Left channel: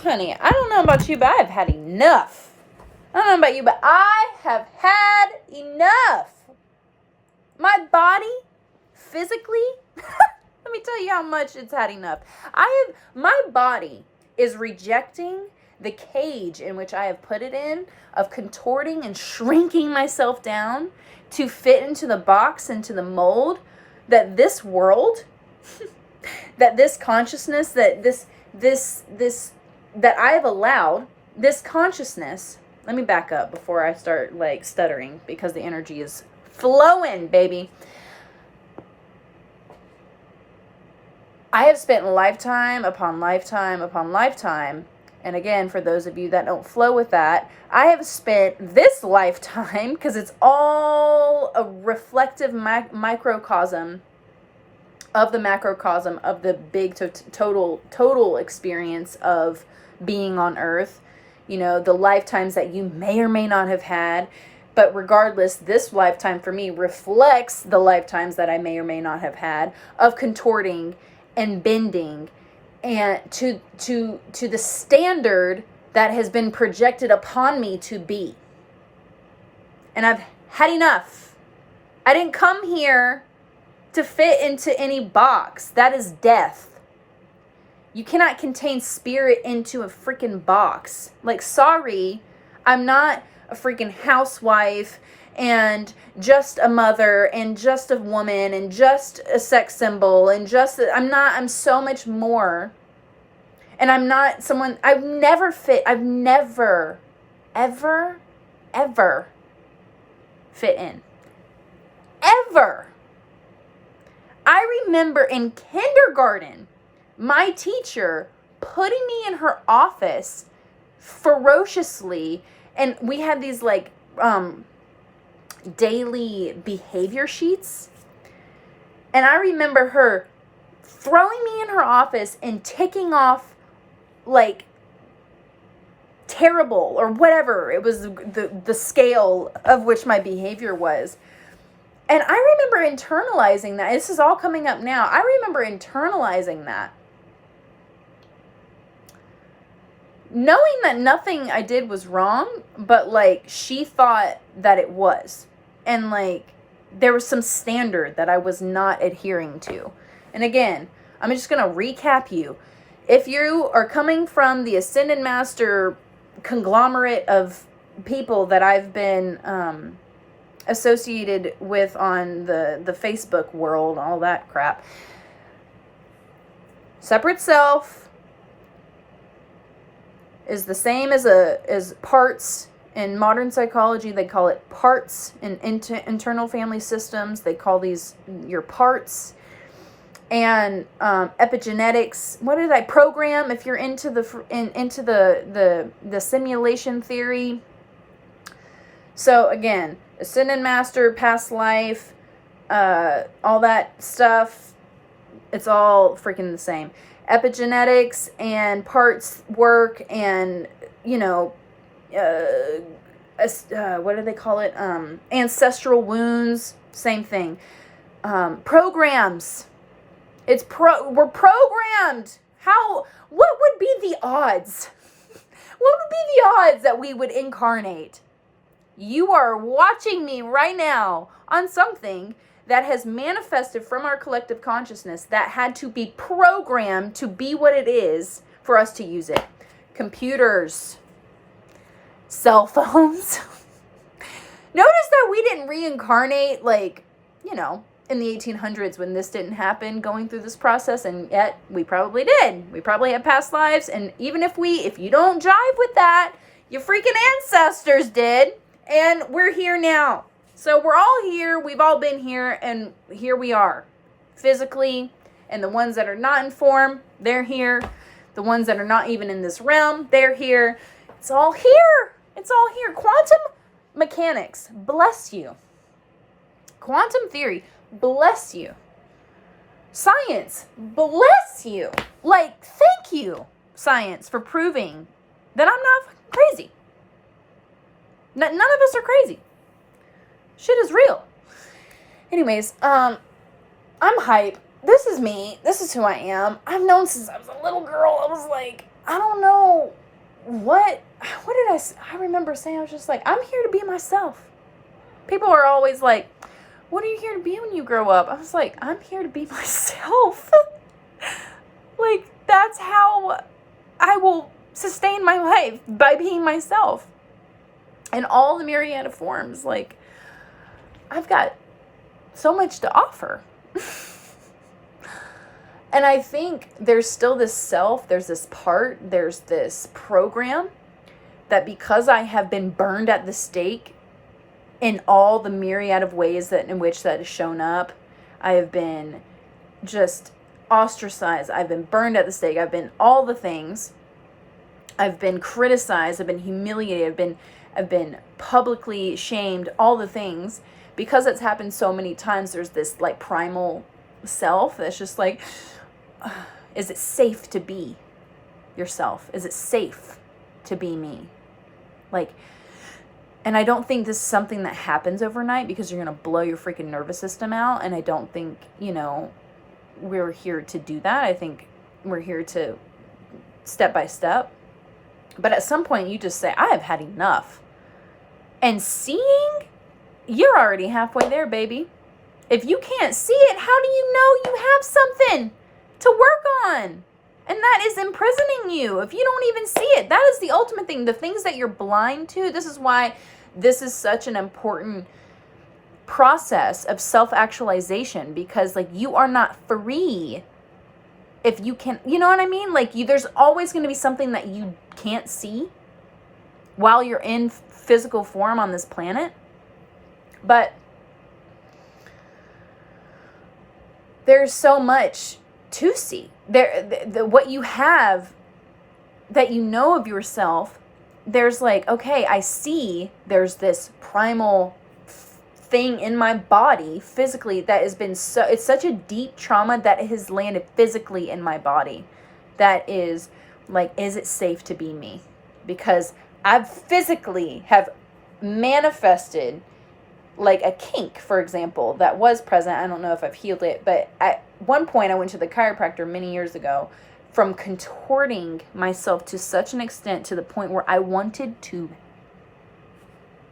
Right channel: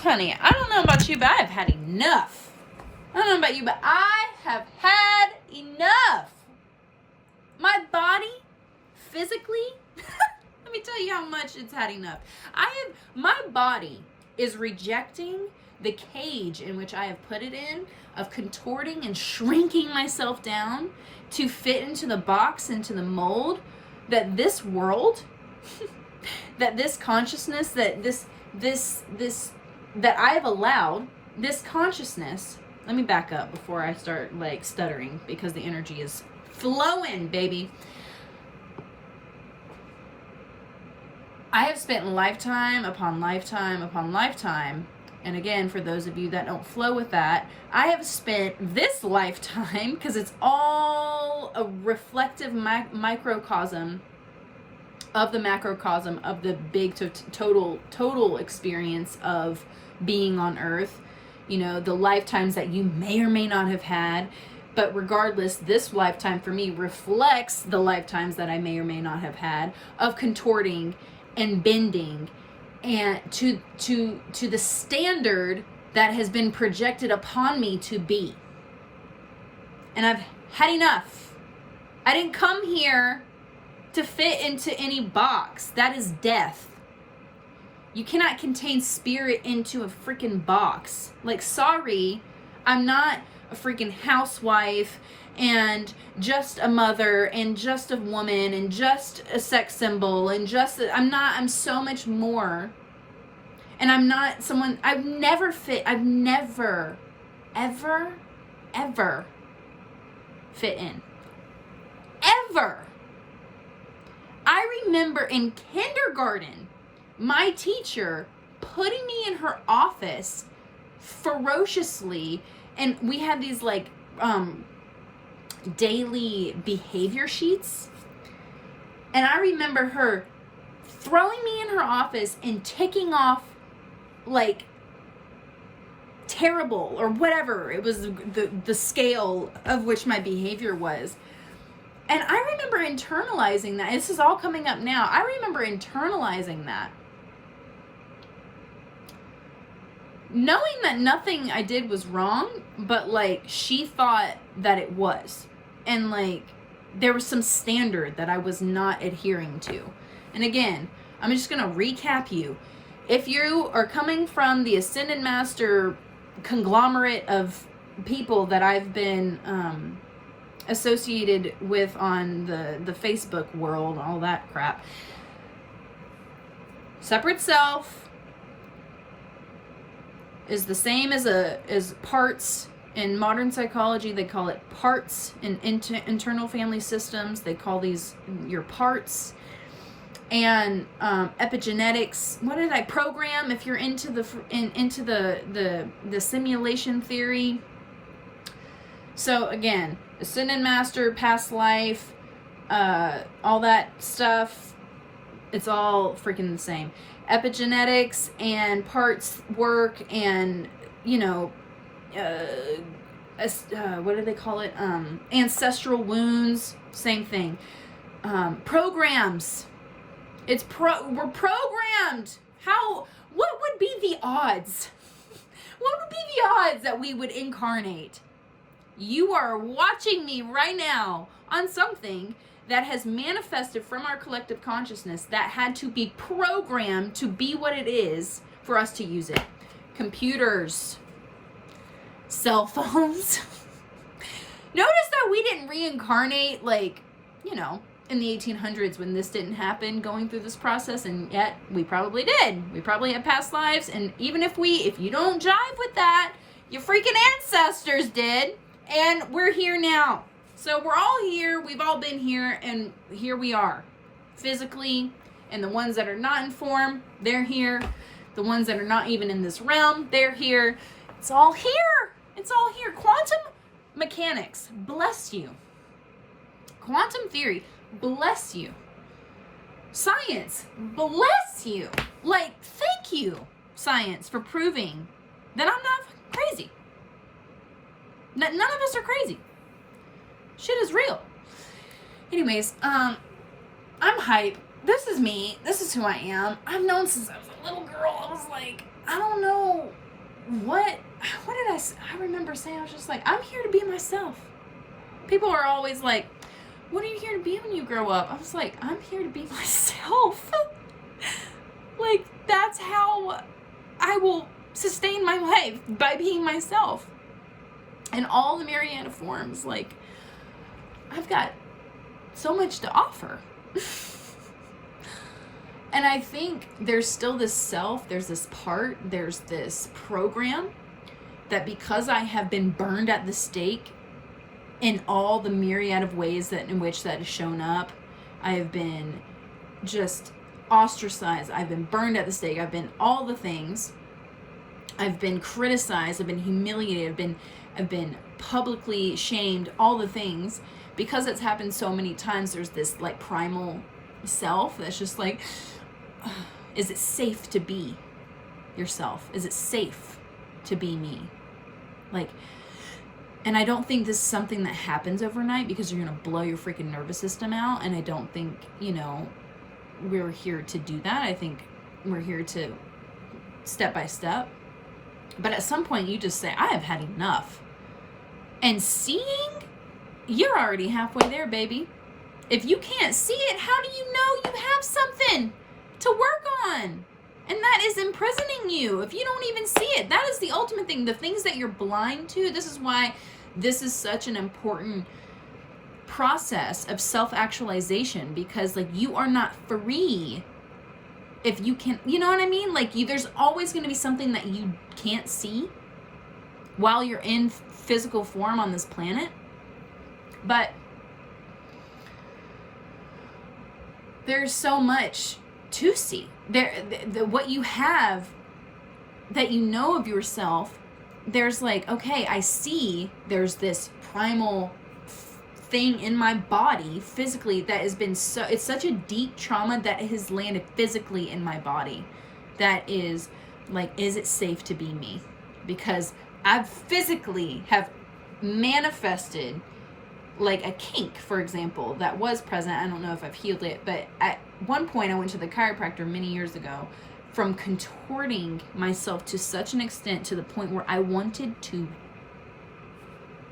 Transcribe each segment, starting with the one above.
honey, I don't know about you, but I've had enough. I don't know about you, but I have had enough. My body, physically, let me tell you how much it's had enough. My body is rejecting the cage in which I have put it in of contorting and shrinking myself down to fit into the box, into the mold that this world, that this consciousness, that this that I have allowed, this consciousness. Let me back up before I start like stuttering because the energy is flowing, baby. I have spent lifetime upon lifetime upon lifetime. And again, for those of you that don't flow with that, I have spent this lifetime, because it's all a reflective microcosm of the macrocosm of the big total experience of being on earth. You know, the lifetimes that you may or may not have had. But regardless, this lifetime for me reflects the lifetimes that I may or may not have had of contorting and bending and to the standard that has been projected upon me to be. And I've had enough. I didn't come here to fit into any box. That is death. You cannot contain spirit into a freaking box. Like, sorry, I'm not a freaking housewife and just a mother and just a woman and just a sex symbol and I'm so much more. And I'm not someone, I've never, ever fit in. Ever. I remember in kindergarten, my teacher putting me in her office ferociously, and we had these like daily behavior sheets, and I remember her throwing me in her office and ticking off like terrible or whatever it was, the scale of which my behavior was. And I remember internalizing that. This is all coming up now. I remember internalizing that, knowing that nothing I did was wrong, but like she thought that it was. And like there was some standard that I was not adhering to. And again, I'm just going to recap you. If you are coming from the Ascended Master conglomerate of people that I've been associated with on the Facebook world, all that crap, separate self is the same as parts. In modern psychology, they call it parts. In internal family systems, they call these your parts. And epigenetics, what did I program? If you're into the simulation theory. So again, Ascended Master, past life, all that stuff, it's all freaking the same. Epigenetics and parts work, and what do they call it? Ancestral wounds, same thing. Programs. We're programmed. What would be the odds? What would be the odds that we would incarnate? You are watching me right now on something that has manifested from our collective consciousness that had to be programmed to be what it is for us to use it. Computers, cell phones. Notice that we didn't reincarnate in the 1800s when this didn't happen, going through this process, and yet we probably did. We probably have past lives, and even if you don't jive with that, your freaking ancestors did, and we're here now. So we're all here, we've all been here, and here we are, physically, and the ones that are not in form, they're here. The ones that are not even in this realm, they're here. It's all here. It's all here. Quantum mechanics, bless you. Quantum theory, bless you. Science, bless you. Like, thank you, science, for proving that I'm not crazy. None of us are crazy. Shit is real. Anyways, I'm hype. this is me. This is who I am. I've known since I was a little girl. I was like, I don't know what did I remember saying, I was just like, I'm here to be myself. People are always like, what are you here to be when you grow up? I was like, I'm here to be myself. Like, that's how I will sustain my life, by being myself. In all the myriad of forms. Like, I've got so much to offer. And I think there's still this self, there's this part, there's this program that, because I have been burned at the stake in all the myriad of ways in which that has shown up, I have been just ostracized, I've been burned at the stake, I've been all the things, I've been criticized, I've been humiliated, I've been publicly shamed, all the things. Because it's happened so many times, there's this like primal self that's just like, is it safe to be yourself? Is it safe to be me? Like, and I don't think this is something that happens overnight, because you're going to blow your freaking nervous system out. And I don't think, we're here to do that. I think we're here to step by step. But at some point you just say, I have had enough. And seeing, you're already halfway there, baby. If you can't see it, how do you know you have something to work on? And that is imprisoning you. If you don't even see it, that is the ultimate thing. The things that you're blind to, this is why this is such an important process of self-actualization, because like, you are not free if you can, you know what I mean? Like, there's always going to be something that you can't see while you're in physical form on this planet. But there's so much to see. What you have that you know of yourself, there's like, okay, I see there's this primal thing in my body physically that has been it's such a deep trauma that has landed physically in my body. That is like, is it safe to be me? Because I've physically have manifested like a kink, for example, that was present. I don't know if I've healed it, but at one point I went to the chiropractor many years ago from contorting myself to such an extent to the point where I wanted to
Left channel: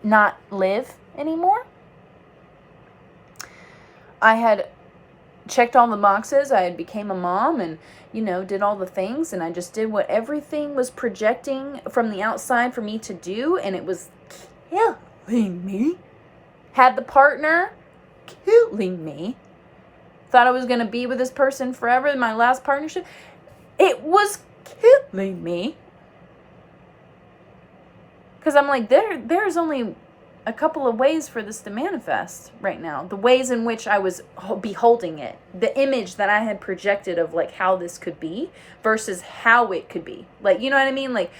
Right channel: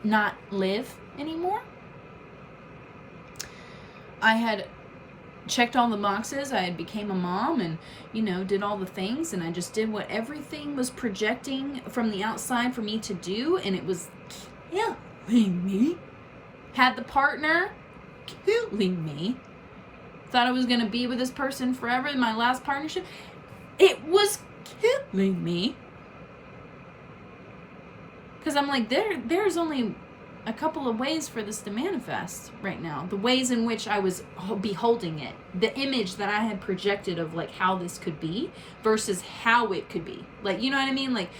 not live anymore. I had checked all the boxes. I became a mom and, did all the things, and I just did what everything was projecting from the outside for me to do, and it was killing me. Had the partner, killing me. Thought I was going to be with this person forever in my last partnership. It was killing me. Because I'm like, there's only a couple of ways for this to manifest right now. The ways in which I was beholding it. The image that I had projected of like how this could be versus how it could be. Like, you know what I mean? Like,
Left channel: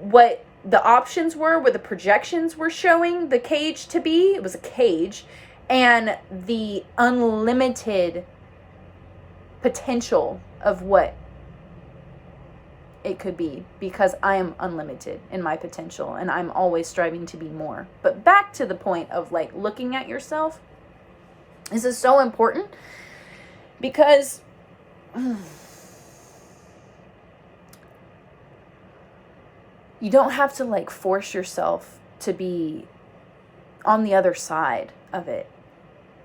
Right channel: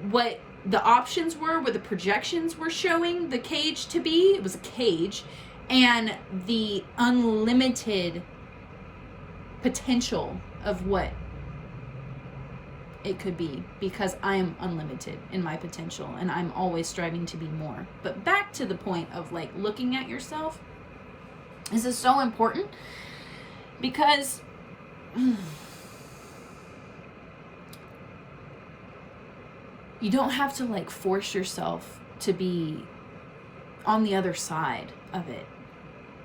what the options were, what the projections were showing the cage to be. It was a cage. And the unlimited potential of what it could be, because I am unlimited in my potential and I'm always striving to be more. But back to the point of like looking at yourself. This is so important because you don't have to like force yourself to be on the other side of it.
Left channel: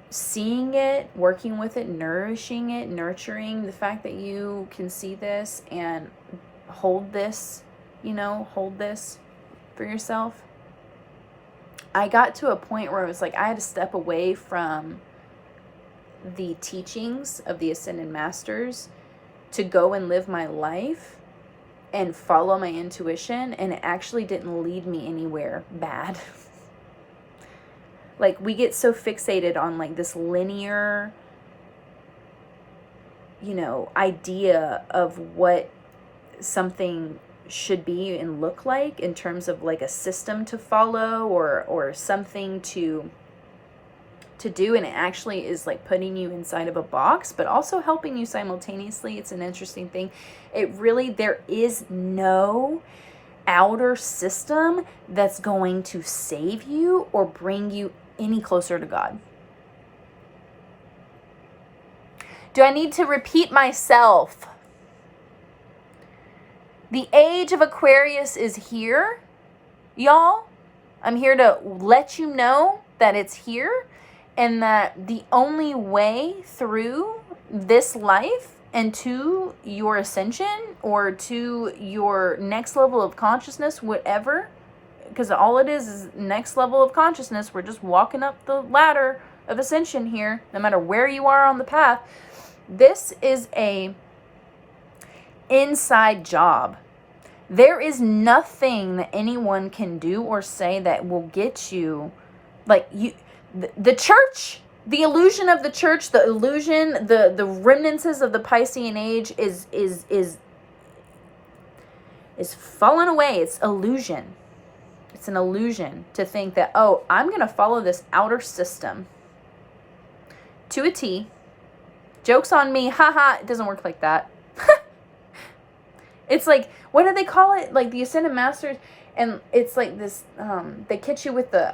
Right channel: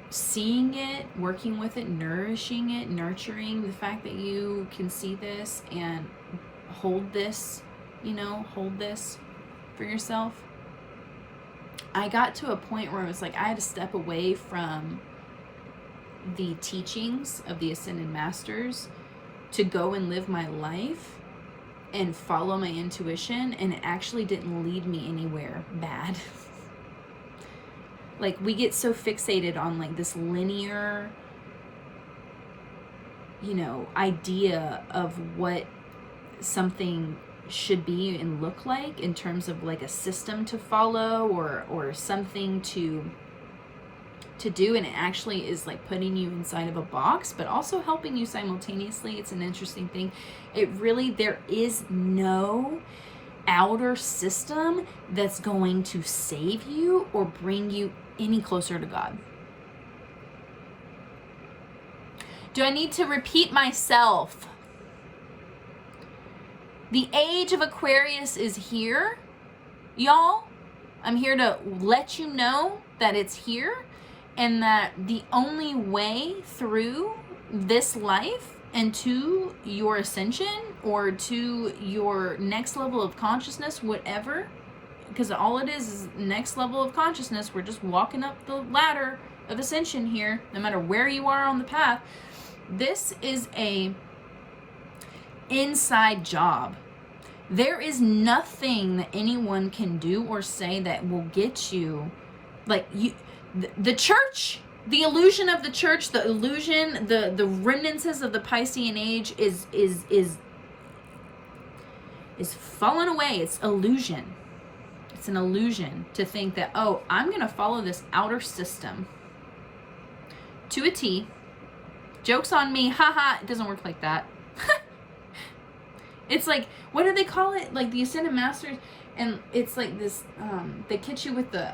Seeing it, working with it, nourishing it, nurturing the fact that you can see this and hold this for yourself. I got to a point where it was like I had to step away from the teachings of the Ascended Masters to go and live my life and follow my intuition, and it actually didn't lead me anywhere bad. Like, we get so fixated on like this linear, idea of what something should be and look like in terms of like a system to follow or something to do, and it actually is like putting you inside of a box but also helping you simultaneously. It's an interesting thing. There is no outer system that's going to save you or bring you any closer to God. Do I need to repeat myself? The age of Aquarius is here, y'all. I'm here to let you know that it's here, and that the only way through this life and to your ascension or to your next level of consciousness, whatever, because all it is next level of consciousness. We're just walking up the ladder of ascension here, no matter where you are on the path. This is a inside job. There is nothing that anyone can do or say that will get you, like, you, the church, the illusion of the church, the illusion, the remnants of the Piscean age is falling away. It's illusion. It's an illusion to think that, oh, I'm going to follow this outer system to a T. Joke's on me. Haha, it doesn't work like that. It's like, what do they call it? Like the Ascended Masters, and it's like this, they catch you with the,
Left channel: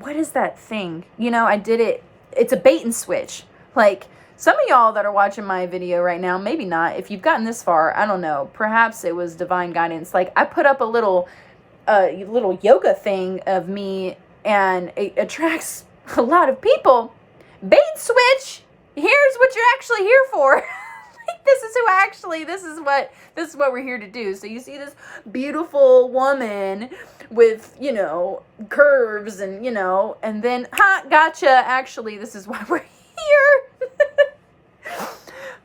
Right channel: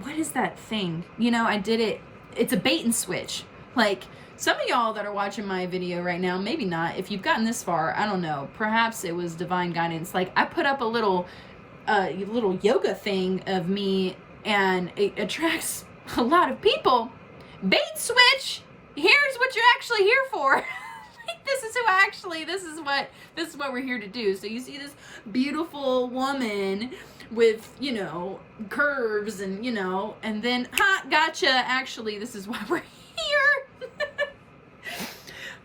what is that thing? You know, I did it. It's a bait and switch. Like, some of y'all that are watching my video right now, maybe not. If you've gotten this far, I don't know. Perhaps it was divine guidance. Like, I put up a little yoga thing of me, and it attracts a lot of people. Bait and switch. Here's what you're actually here for. Like, this is what we're here to do. So you see this beautiful woman with, you know, curves and, you know, and then, gotcha. Actually, this is why we're here.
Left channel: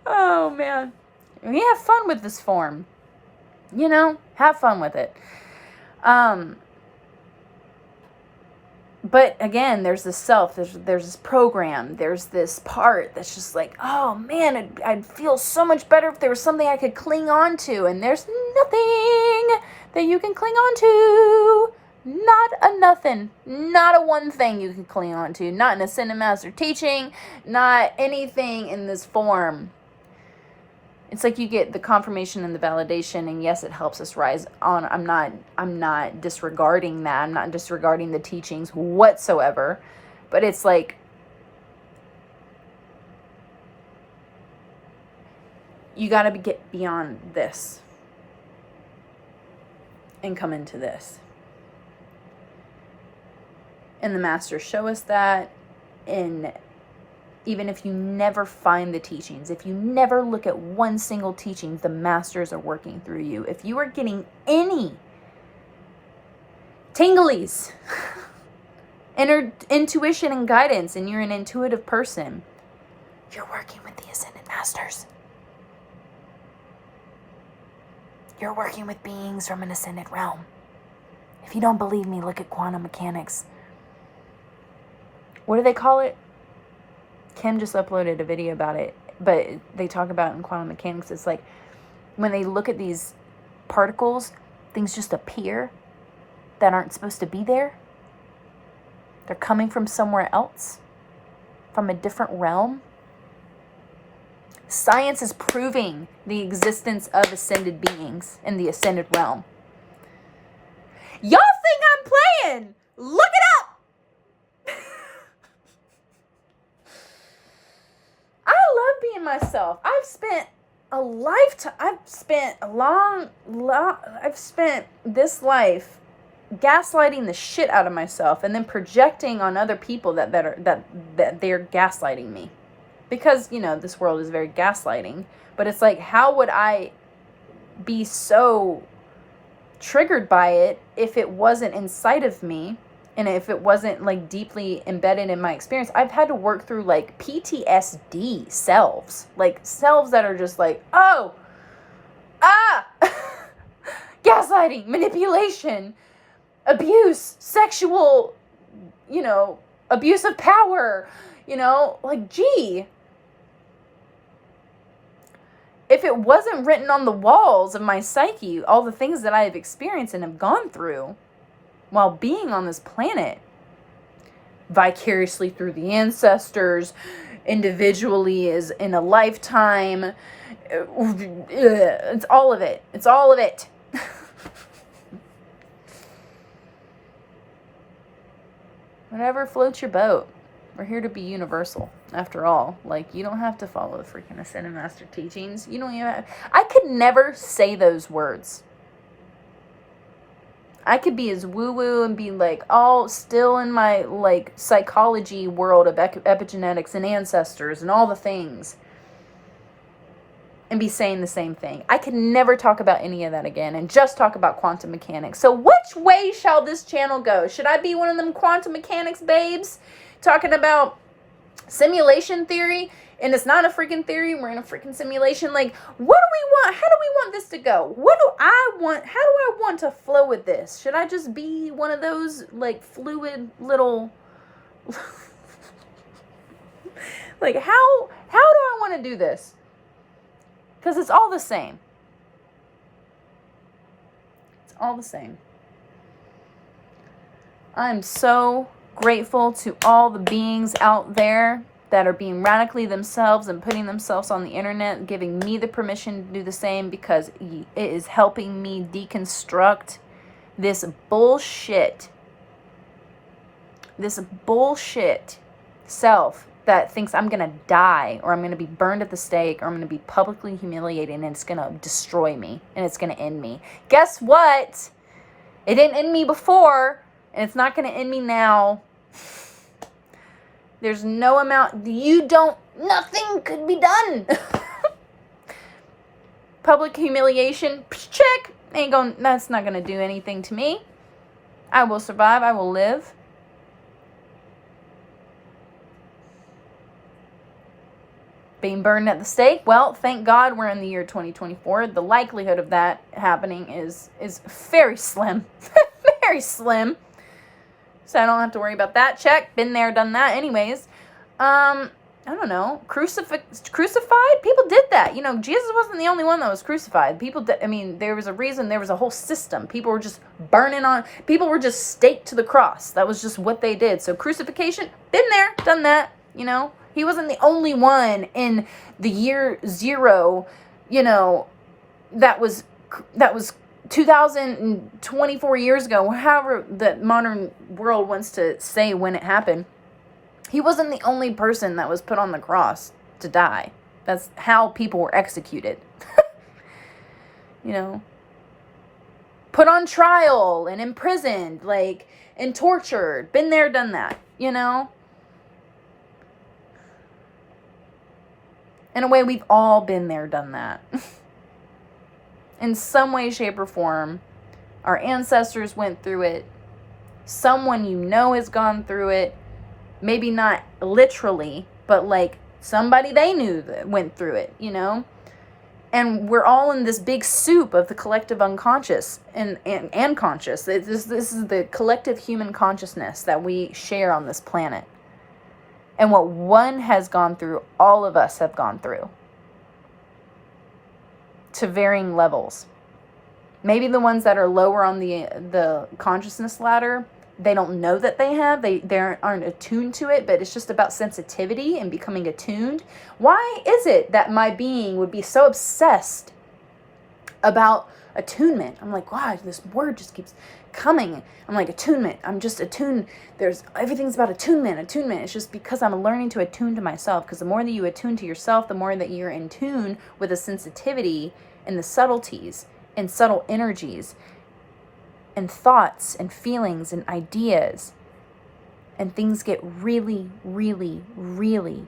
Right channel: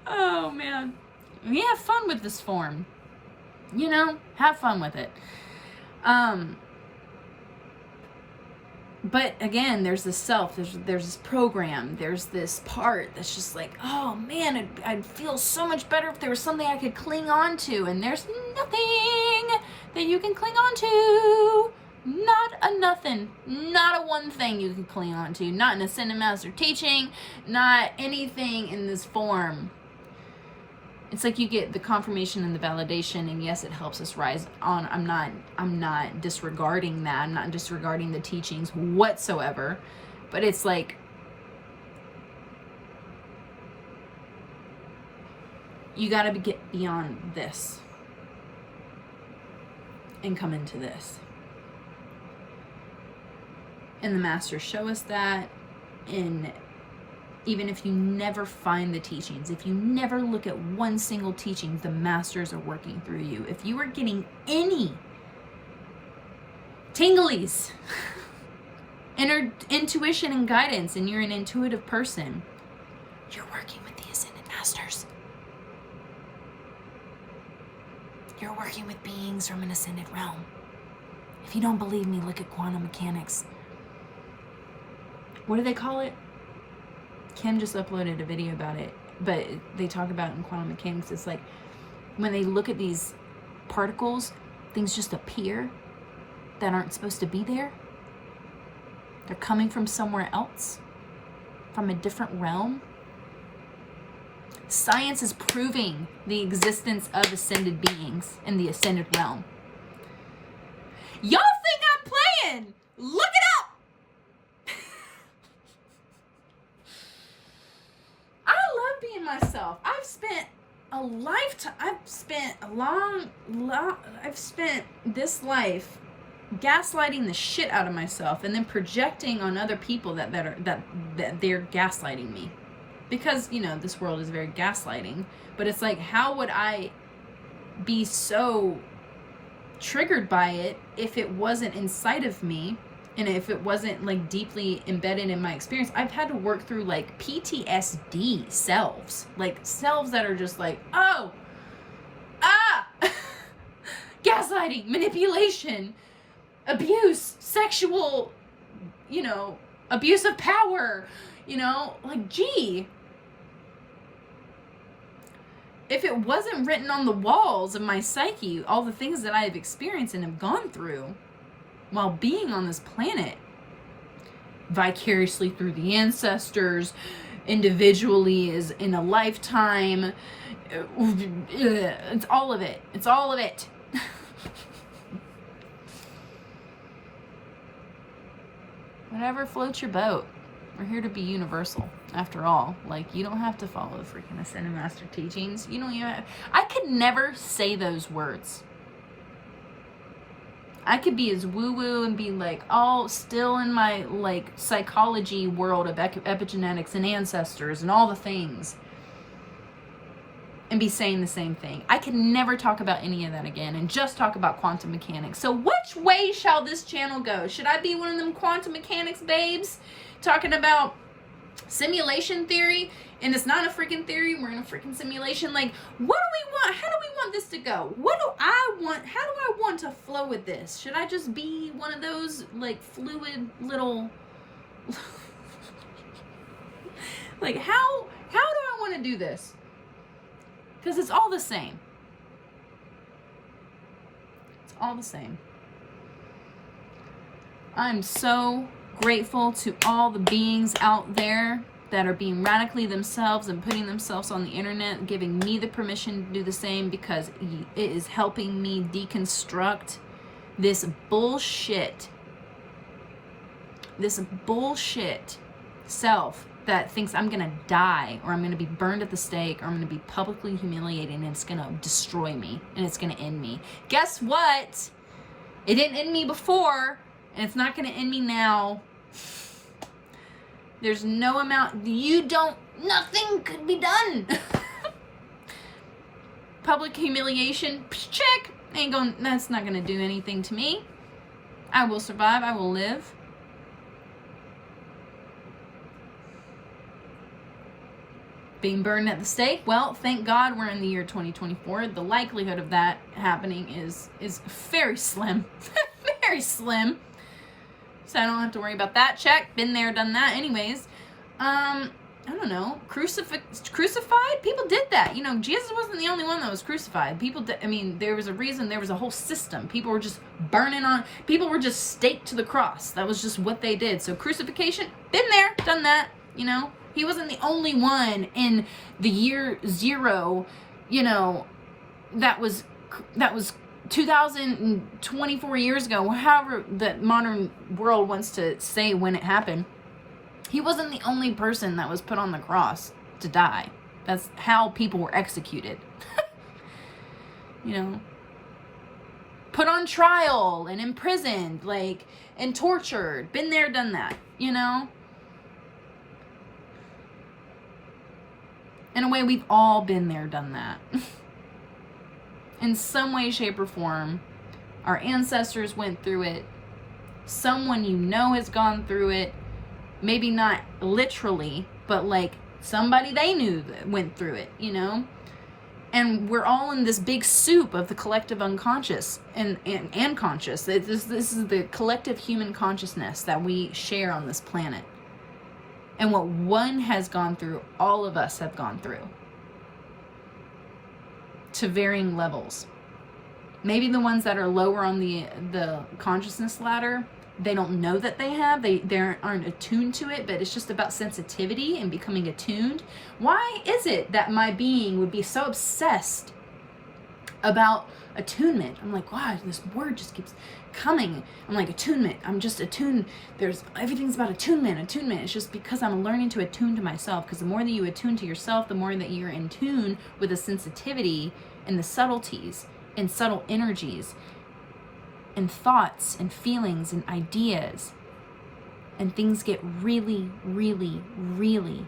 Oh, man. We have fun with this form. You know, have fun with it. But again, there's this self, there's this program, there's this part that's just like, oh man, I'd feel so much better if there was something I could cling on to, and there's nothing that you can cling on to. Not a nothing. Not a one thing you can cling on to. Not an Ascended Master teaching, not anything in this form. It's like you get the confirmation and the validation, and yes, it helps us rise on. I'm not disregarding that. I'm not disregarding the teachings whatsoever. But it's like, you got to get beyond this and come into this. And the masters show us that. And even if you never find the teachings, if you never look at one single teaching, the masters are working through you. If you are getting any tinglies, intuition and guidance, and you're an intuitive person, you're working with the Ascended Masters. You're working with beings from an ascended realm. If you don't believe me, look at quantum mechanics. What do they call it? Kim just uploaded a video about it, but they talk about in quantum mechanics, it's like when they look at these particles, things just appear that aren't supposed to be there. They're coming from somewhere else, from a different realm. Science is proving the existence of ascended beings in the ascended realm. Y'all think I'm playing? Look it up! Being myself. I've spent this life gaslighting the shit out of myself, and then projecting on other people that they're gaslighting me, because, you know, this world is very gaslighting. But it's like, how would I be so triggered by it if it wasn't inside of me? And if it wasn't like deeply embedded in my experience? I've had to work through like PTSD selves, like selves that are just like, gaslighting, manipulation, abuse, sexual, you know, abuse of power, you know, like, gee. If it wasn't written on the walls of my psyche, all the things that I have experienced and have gone through while being on this planet, vicariously through the ancestors, individually as in a lifetime, it's all of it. It's all of it. Whatever floats your boat. We're here to be universal, after all. Like, you don't have to follow the freaking Ascended Master teachings. You don't even have... I could never say those words. I could be as woo-woo and be like all still in my like psychology world of epigenetics and ancestors and all the things and be saying the same thing. I could never talk about any of that again and just talk about quantum mechanics. So which way shall this channel go? Should I be one of them quantum mechanics babes talking about simulation theory? And it's not a freaking theory. We're in a freaking simulation. Like, what do we want? How do we want this to go? What do I want? How do I want to flow with this? Should I just be one of those, like, fluid little... like, how do I want to do this? Because it's all the same. It's all the same. I'm so grateful to all the beings out there that are being radically themselves and putting themselves on the internet, giving me the permission to do the same, because it is helping me deconstruct this bullshit self that thinks I'm going to die, or I'm going to be burned at the stake, or I'm going to be publicly humiliated, and it's going to destroy me, and it's going to end me. Guess what? It didn't end me before, and it's not going to end me now. There's no amount, nothing could be done. Public humiliation, check. That's not going to do anything to me. I will survive, I will live. Being burned at the stake, well, thank God we're in the year 2024. The likelihood of that happening is very slim. Very slim. So I don't have to worry about that. Check. Been there, done that. Anyways, I don't know. Crucified? People did that. You know, Jesus wasn't the only one that was crucified. People did, there was a reason. There was a whole system. People were just people were just staked to the cross. That was just what they did. So crucifixion, been there, done that, you know. He wasn't the only one in the year 0, you know, that was 2024 years ago, however the modern world wants to say when it happened. He wasn't the only person that was put on the cross to die. That's how people were executed. You know, put on trial and imprisoned, like, and tortured. Been there, done that, you know. In a way, we've all been there, done that. In some way, shape, or form, our ancestors went through it. Someone you know has gone through it. Maybe not literally, but like somebody they knew that went through it, you know? And we're all in this big soup of the collective unconscious and conscious. This is the collective human consciousness that we share on this planet. And what one has gone through, all of us have gone through. To varying levels. Maybe the ones that are lower on the consciousness ladder, they don't know that they have. They aren't attuned to it, but it's just about sensitivity and becoming attuned. Why is it that my being would be so obsessed about attunement? I'm like, wow, this word just keeps coming. I'm like, attunement. I'm just attuned. Everything's about attunement. It's just because I'm learning to attune to myself. Because the more that you attune to yourself, the more that you're in tune with the sensitivity and the subtleties and subtle energies and thoughts and feelings and ideas. And things get really, really, really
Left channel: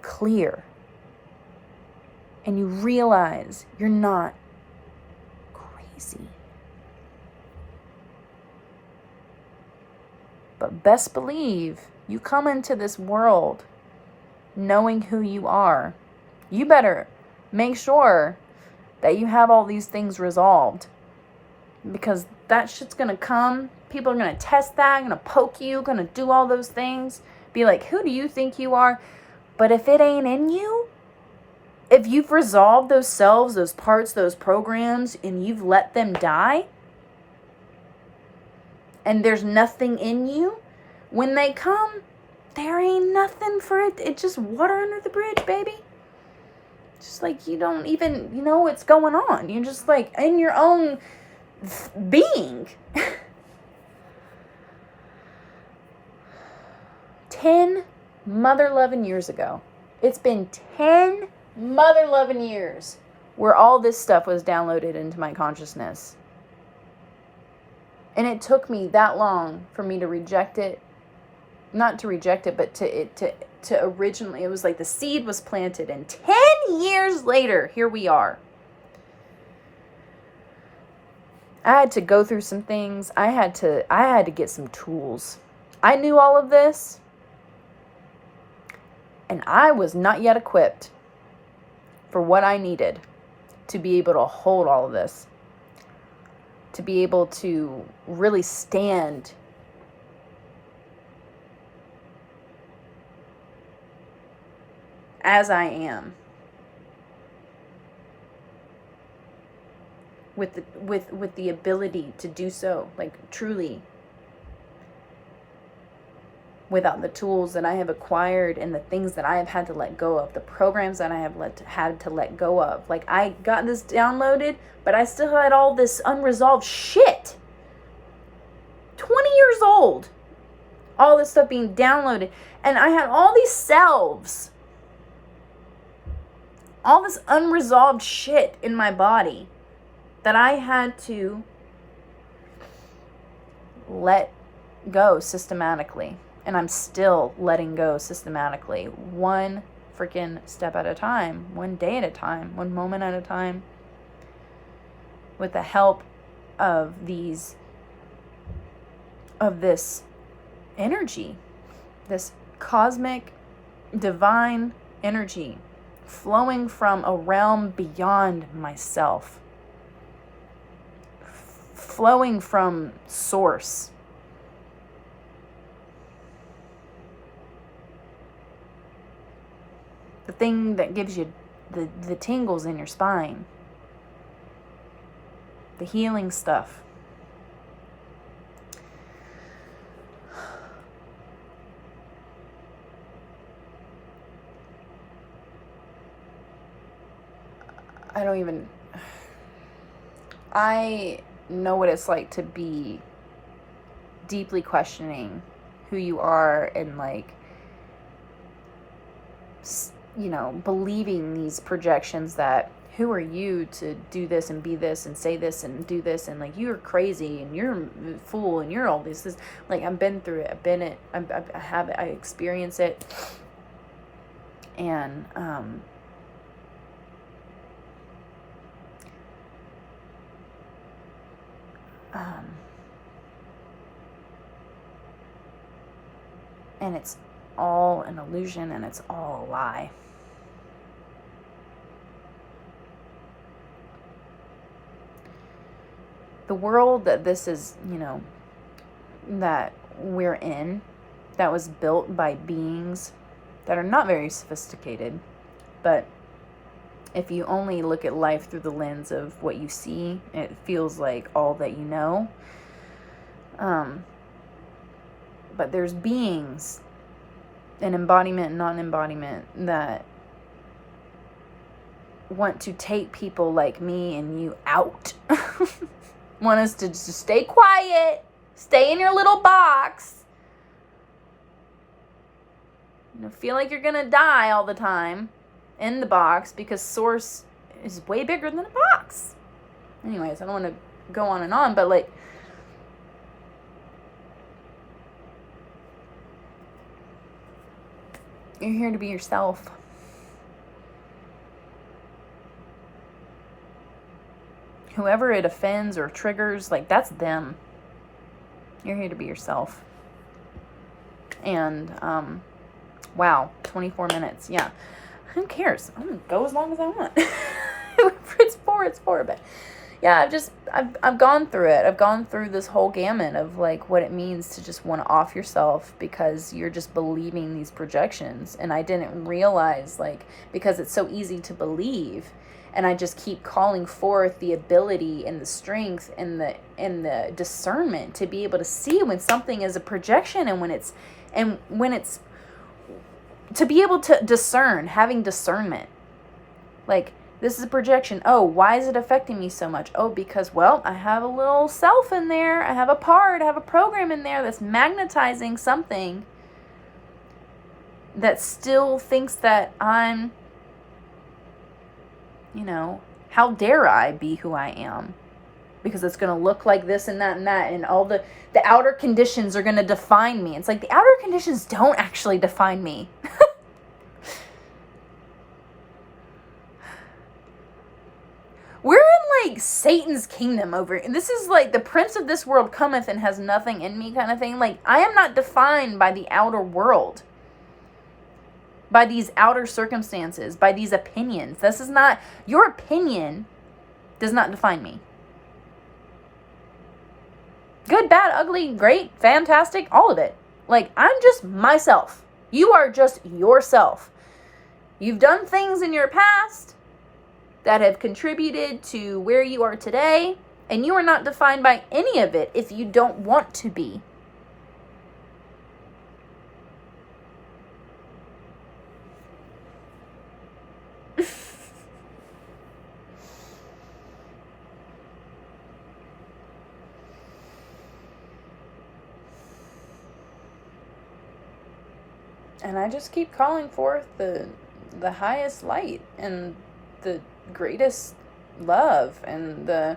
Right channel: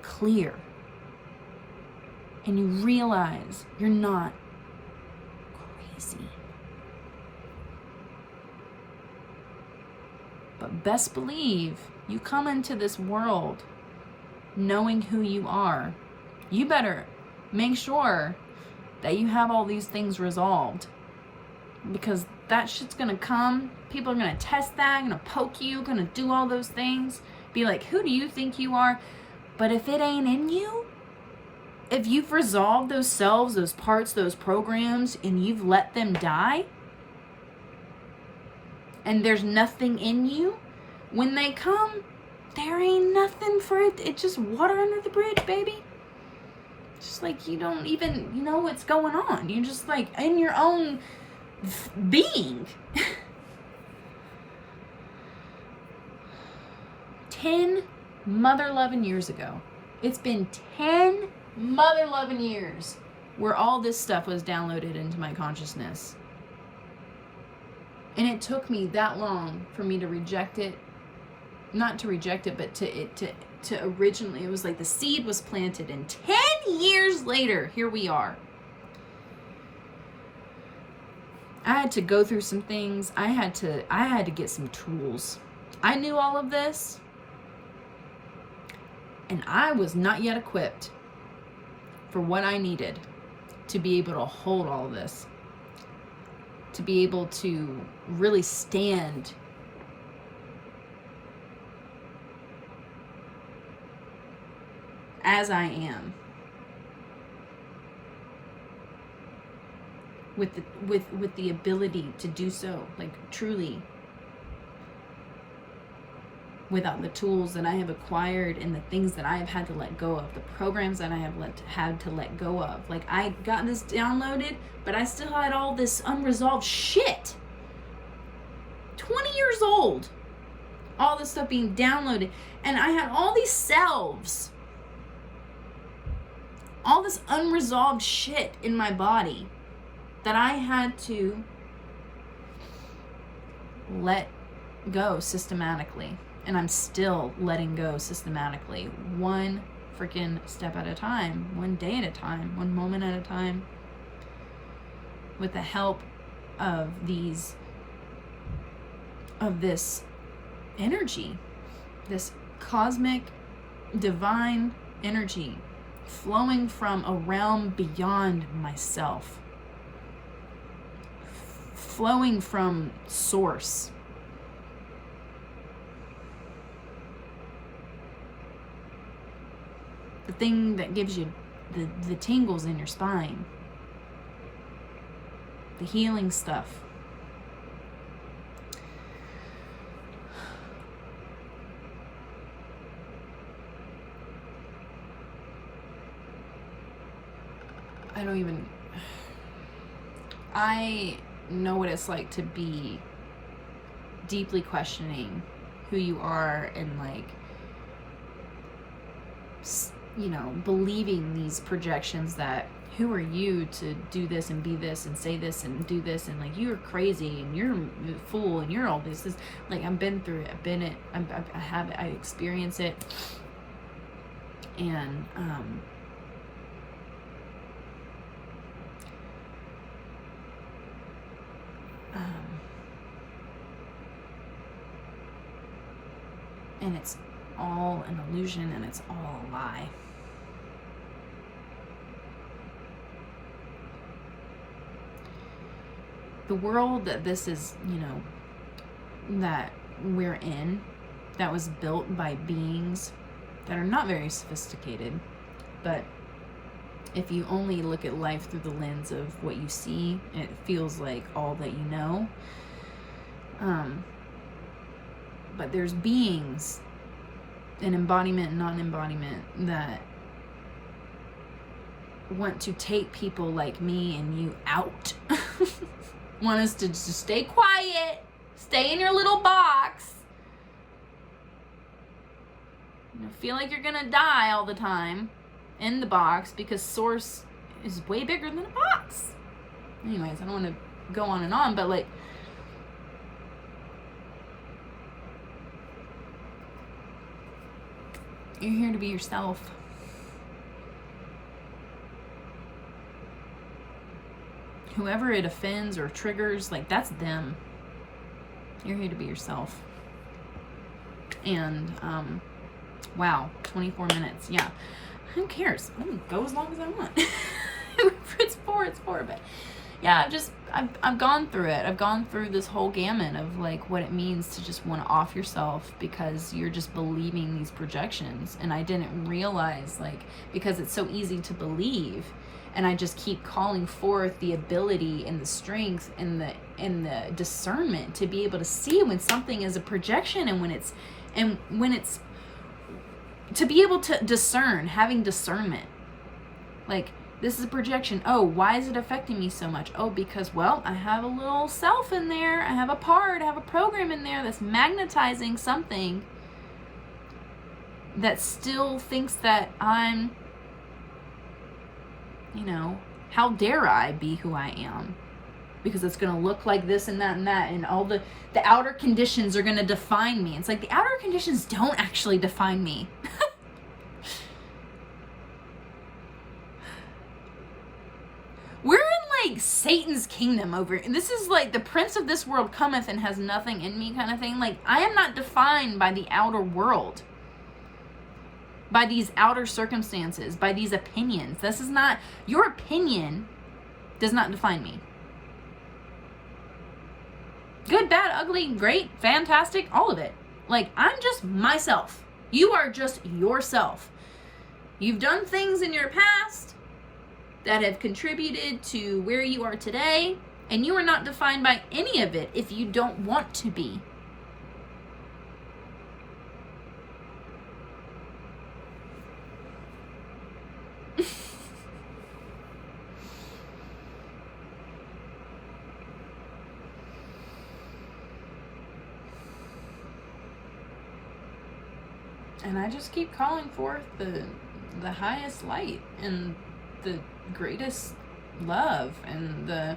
clear. And you realize you're not crazy. But best believe you come into this world knowing who you are. You better make sure that you have all these things resolved, because that shit's gonna come. People are gonna test that, gonna poke you, gonna do all those things. Be like, who do you think you are? But if it ain't in you, if you've resolved those selves, those parts, those programs, and you've let them die, and there's nothing in you, when they come, there ain't nothing for it. It's just water under the bridge, baby. It's just like you don't even know what's going on. You're just like in your own being. 10 mother loving years ago. It's been 10 mother loving years where all this stuff was downloaded into my consciousness. And it took me that long for me to reject it. Not to reject it, but to originally, it was like the seed was planted, and 10 years later, here we are. I had to go through some things. I had to get some tools. I knew all of this, and I was not yet equipped for what I needed to be able to hold all of this, to be able to really stand as I am, with the ability to do so, like truly, without the tools that I have acquired and the things that I have had to let go of, the programs that I have had to let go of. Like, I got this downloaded, but I still had all this unresolved shit. 20 years old, all this stuff being downloaded, and I had all these selves, all this unresolved shit in my body that I had to let go systematically. And I'm still letting go systematically, one freaking step at a time, one day at a time, one moment at a time, with the help of this energy, this cosmic, divine energy flowing from a realm beyond myself, flowing from source. The thing that gives you the tingles in your spine, the healing stuff. I know what it's like to be deeply questioning who you are, and like, you know, believing these projections that who are you to do this and be this and say this and do this, and like, you're crazy and you're a fool and you're all this. Like, I've been through it. I have it. I experience it. And and it's all an illusion, and it's all a lie. The world that this is, you know, that we're in, that was built by beings that are not very sophisticated, but if you only look at life through the lens of what you see, it feels like all that you know. But there's beings, an embodiment and non-embodiment, that want to take people like me and you out. Want us to just stay quiet, stay in your little box, you know, feel like you're gonna die all the time in the box, because source is way bigger than a box. Anyways, I don't want to go on and on, but like, you're here to be yourself. Whoever it offends or triggers, like, that's them. You're here to be yourself. And, wow, 24 minutes. Yeah. Who cares? I'm going to go as long as I want. If it's four. But yeah, I've gone through it. I've gone through this whole gamut of like what it means to just want to off yourself because you're just believing these projections. And I didn't realize, like, because it's so easy to believe, and I just keep calling forth the ability and the strength and the discernment to be able to see when something is a projection, and when it's to be able to discern, having discernment. Like, this is a projection. Oh, why is it affecting me so much? Oh, because, well, I have a little self in there. I have a part, I have a program in there that's magnetizing something that still thinks that I'm, how dare I be who I am? Because it's going to look like this and that, and all the outer conditions are going to define me. It's like the outer conditions don't actually define me. We're in like Satan's kingdom over. This is like the prince of this world cometh and has nothing in me kind of thing. Like, I am not defined by the outer world, by these outer circumstances, by these opinions. This is not, your opinion does not define me. Good, bad, ugly, great, fantastic, all of it. Like, I'm just myself. You are just yourself. You've done things in your past that have contributed to where you are today, and you are not defined by any of it if you don't want to be. And I just keep calling forth the highest light and the greatest love and the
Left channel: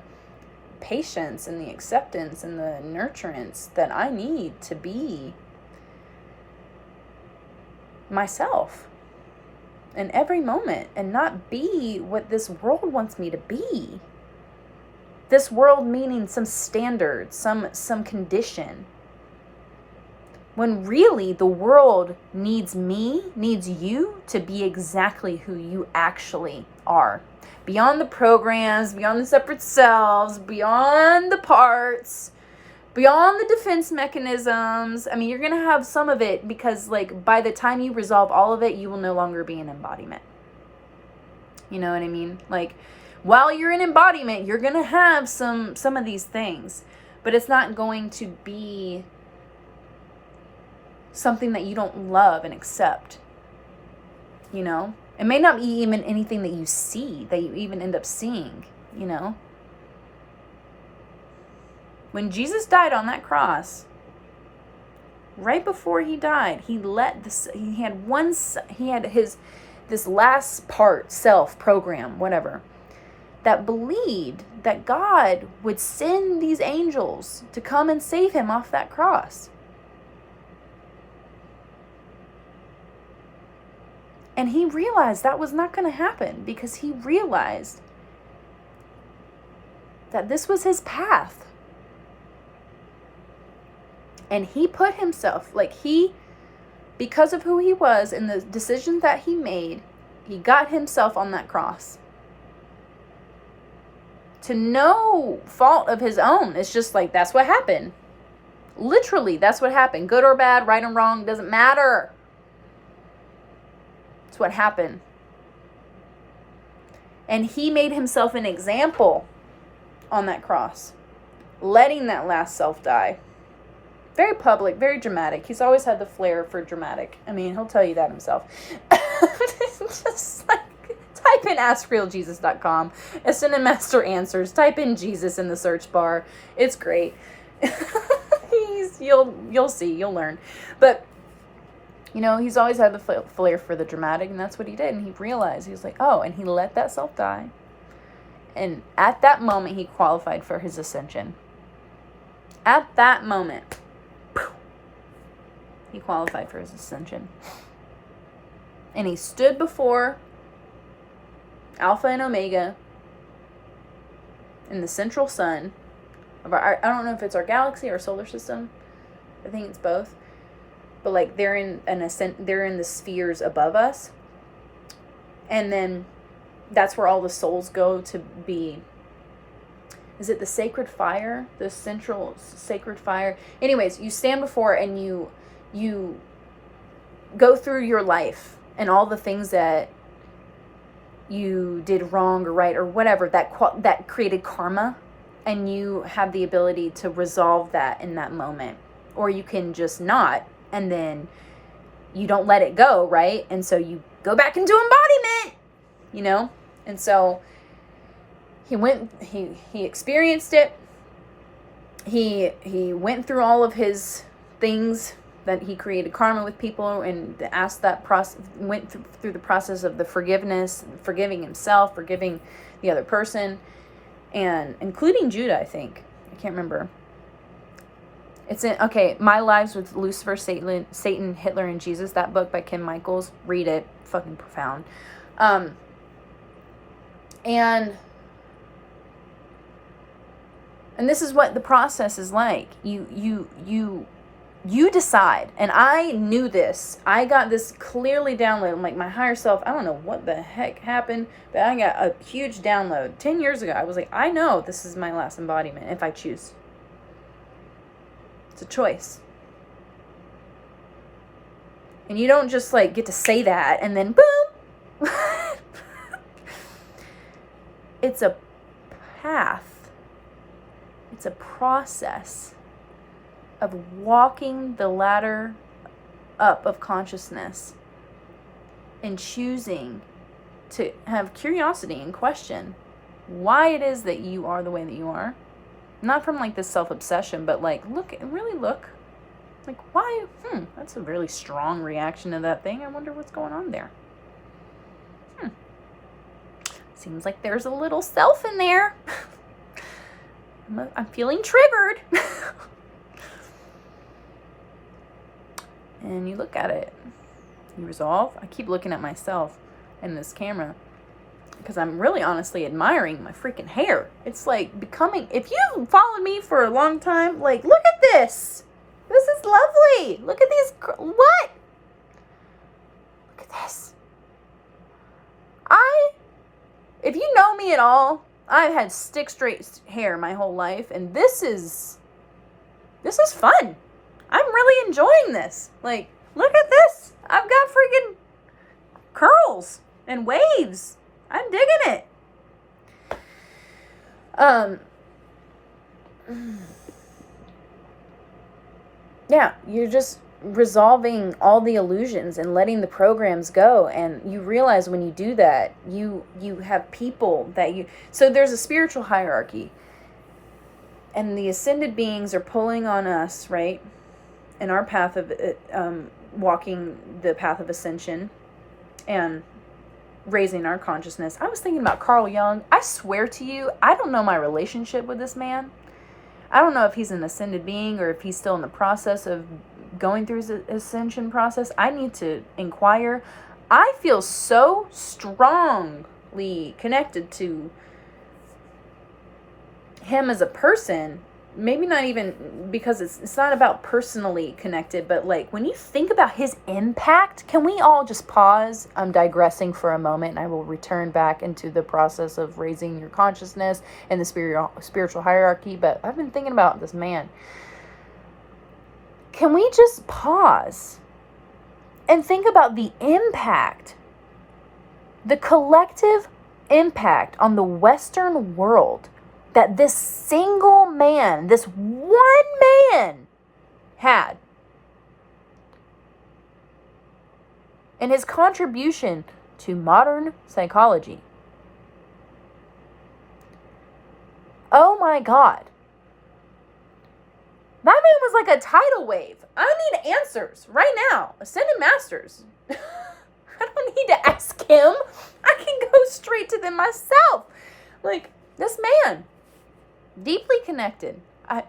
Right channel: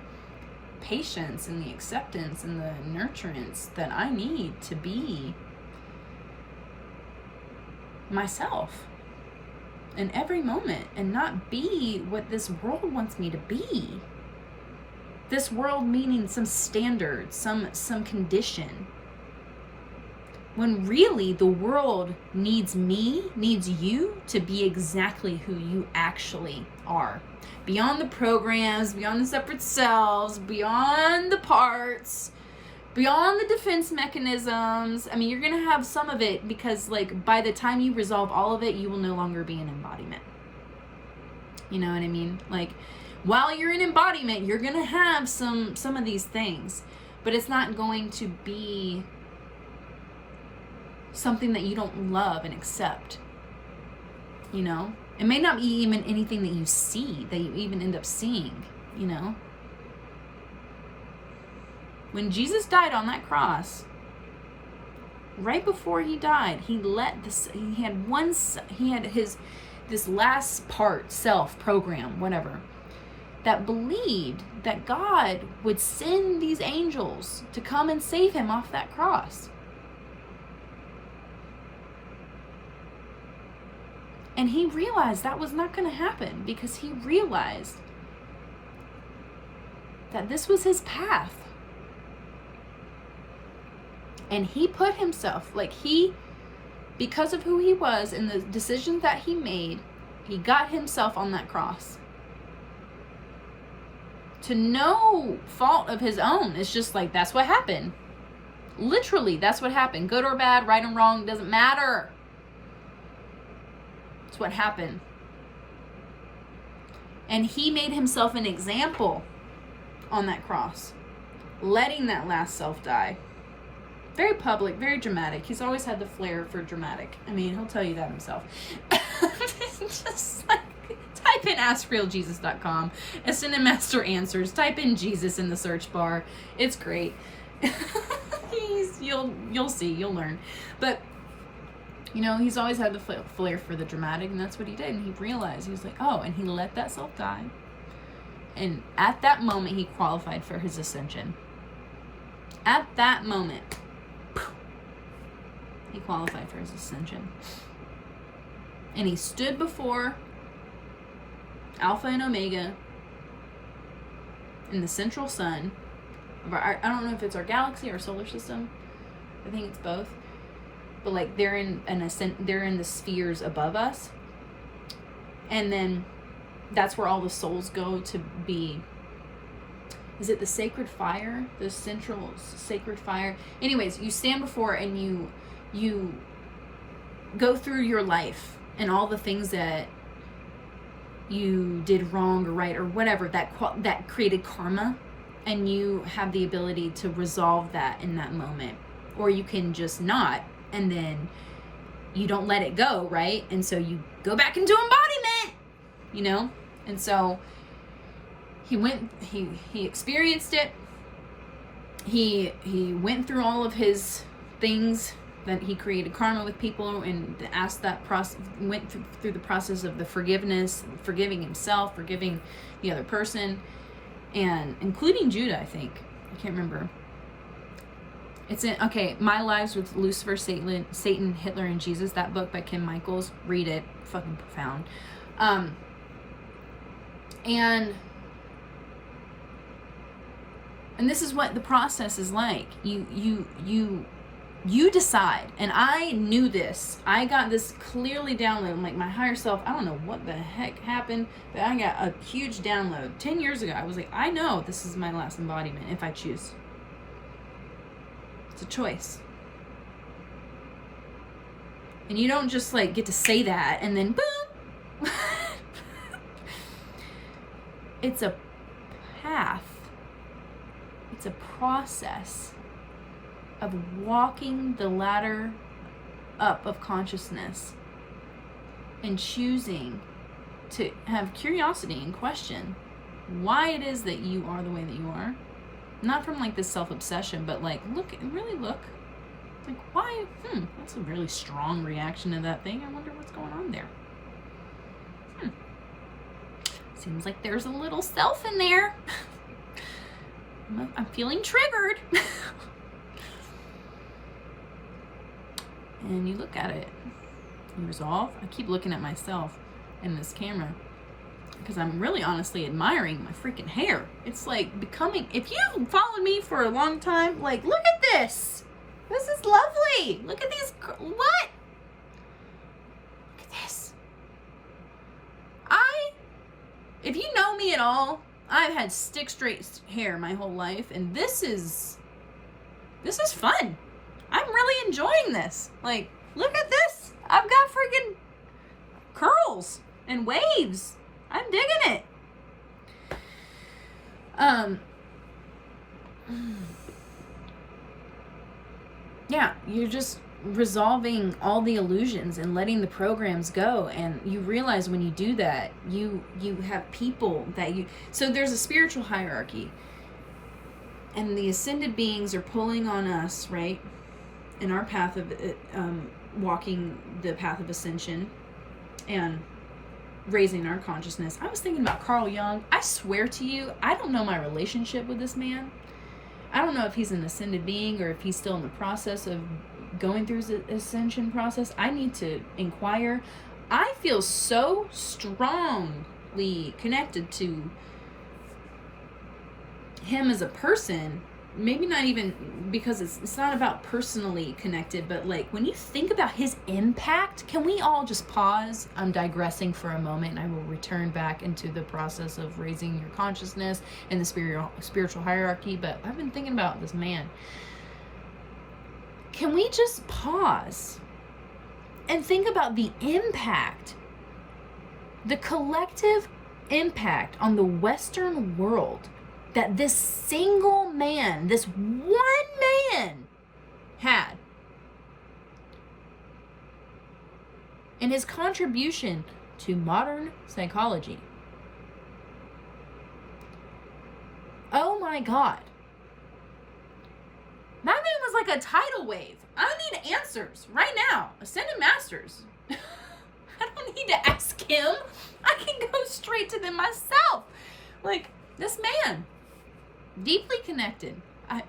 patience and the acceptance and the nurturance that I need to be myself in every moment and not be what this world wants me to be. This world meaning some standard, some condition. When really the world needs you to be exactly who you actually are. Beyond the programs, beyond the separate selves, beyond the parts, beyond the defense mechanisms. I mean, you're going to have some of it because, like, by the time you resolve all of it, you will no longer be an embodiment. You know what I mean? Like, while you're in embodiment, you're going to have some of these things, but it's not going to be something that you don't love and accept. It may not be even anything that you see, that you even end up seeing, When Jesus died on that cross, right before he died, he had this last part, self, program, whatever, that believed that God would send these angels to come and save him off that cross. And he realized that was not going to happen because he realized that this was his path. And he put himself, because of who he was and the decisions that he made, he got himself on that cross. To no fault of his own. It's just like, that's what happened. Literally, that's what happened. Good or bad, right or wrong, doesn't matter. It's what happened. And he made himself an example on that cross, letting that last self die. Very public, very dramatic. He's always had the flair for dramatic. I mean, he'll tell you that himself. Just like, type in AskRealJesus.com. Ascended Master Answers. Type in Jesus in the search bar. It's great. You'll see, you'll learn. But he's always had the flair for the dramatic, and that's what he did. And he realized, he was like, oh, and he let that self die. And at that moment, he qualified for his ascension. At that moment, he qualified for his ascension. And he stood before Alpha and Omega in the central sun of I don't know if it's our galaxy or solar system. I think it's both. But they're in the spheres above us. And then that's where all the souls go to be. Is it the sacred fire? The central sacred fire? Anyways, you stand before and you go through your life and all the things that you did wrong or right or whatever that created karma, and you have the ability to resolve that in that moment, or you can just not, and then you don't let it go, right? And so you go back into embodiment, and so he experienced it. He went through all of his things that he created karma with people and asked that process, went through the process of the forgiveness, forgiving himself, forgiving the other person, and including Judah, I think. I can't remember. It's in, okay, My Lives with Lucifer, Satan, Hitler, and Jesus, that book by Kim Michaels. Read it. Fucking profound. And this is what the process is like. You decide. And I knew this. I got this clearly downloaded. Like my higher self, I don't know what the heck happened, but I got a huge download. 10 years ago, I was like, I know this is my last embodiment if I choose. It's a choice. And you don't just like get to say that and then boom. It's a path. It's a process of walking the ladder up of consciousness and choosing to have curiosity and question why it is that you are the way that you are. Not from like this self-obsession, but like really look. Like why? That's a really strong reaction to that thing. I wonder what's going on there. Seems like there's a little self in there. I'm feeling triggered. And you look at it. You resolve. I keep looking at myself in this camera because I'm really honestly admiring my freaking hair. It's like becoming, if you've followed me for a long time, like look at this. This is lovely. Look at these, what? Look at this. If you know me at all, I've had stick straight hair my whole life, and this is fun. I'm really enjoying this. Like, look at this. I've got freaking curls and waves. I'm digging it. Yeah, you're just resolving all the illusions and letting the programs go, and you realize when you do that you have people that so there's a spiritual hierarchy, and the ascended beings are pulling on us, right, in our path of walking the path of ascension and raising our consciousness. I was thinking about Carl Jung. I swear to you, I don't know my relationship with this man. I don't know if he's an ascended being or if he's still in the process of going through his ascension process. I need to inquire. I feel so strongly connected to him as a person. Maybe not even because it's not about personally connected, but like when you think about his impact, can we all just pause? I'm digressing for a moment, and I will return back into the process of raising your consciousness and the spiritual hierarchy. But I've been thinking about this man. Can we just pause and think about the impact, the collective impact on the Western world that this single man, this one man had, and his contribution to modern psychology? Oh my God. That man was like a tidal wave. I need answers right now. Ascended Masters. I don't need to ask him. I can go straight to them myself. Like, this man, deeply connected. I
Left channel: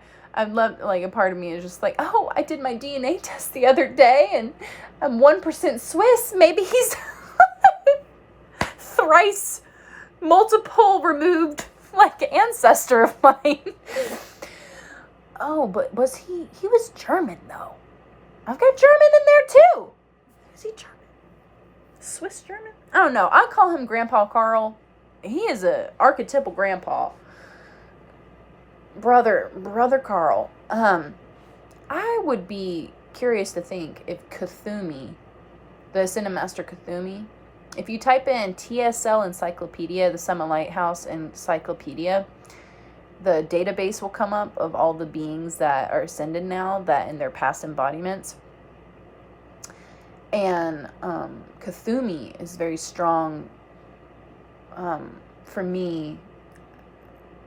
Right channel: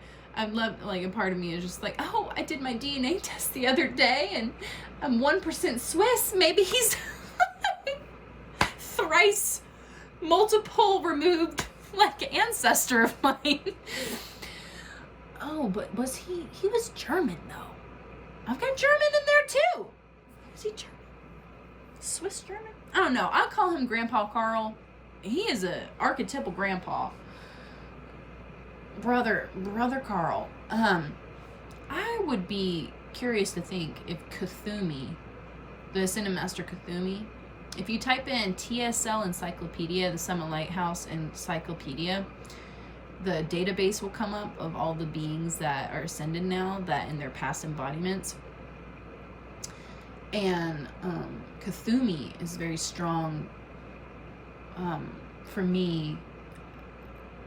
love, like, a part of me is just like, oh, I did my DNA test the other day and I'm 1% Swiss. Maybe he's thrice multiple removed, like, ancestor of mine. Oh, but was he was German, though. I've got German in there, too. Is he German? Swiss German? I don't know. I call him Grandpa Carl. He is a archetypal grandpa. Brother Carl. I would be curious to think if Kuthumi, the Ascended Master Kuthumi, if you type in TSL Encyclopedia, the Summit Lighthouse Encyclopedia, the database will come up of all the beings that are ascended now, that in their past embodiments. And Kuthumi is very strong for me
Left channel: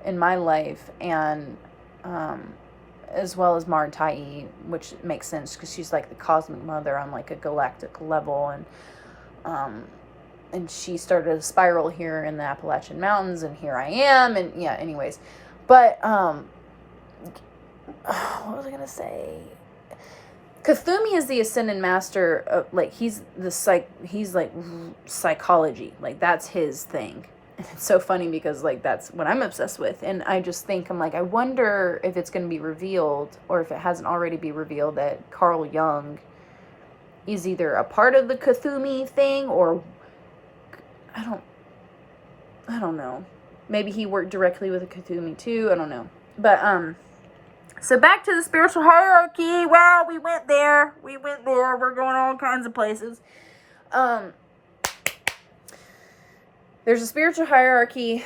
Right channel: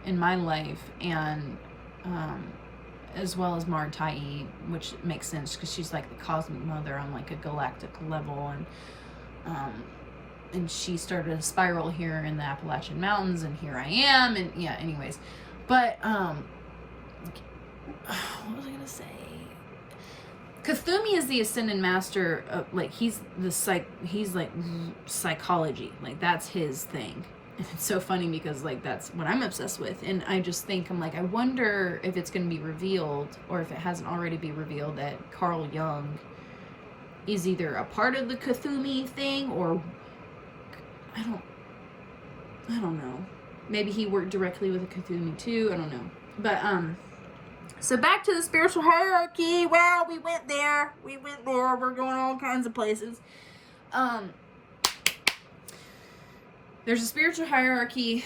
in my life, and as well as Martai, which makes sense because she's like the cosmic mother on like a galactic level, and she started a spiral here in the Appalachian Mountains, and here I am, and yeah, anyways, but what was I gonna say? Cthulhu is the ascended master. Like he's like psychology. Like that's his thing. And it's so funny because like that's what I'm obsessed with. And I just think I'm like, I wonder if it's going to be revealed, or if it hasn't already been revealed, that Carl Jung is either a part of the Cthulhu thing, or I don't know. Maybe he worked directly with the Cthulhu too. I don't know. But so back to the spiritual hierarchy. Wow, we went there. We're going all kinds of places. There's a spiritual hierarchy.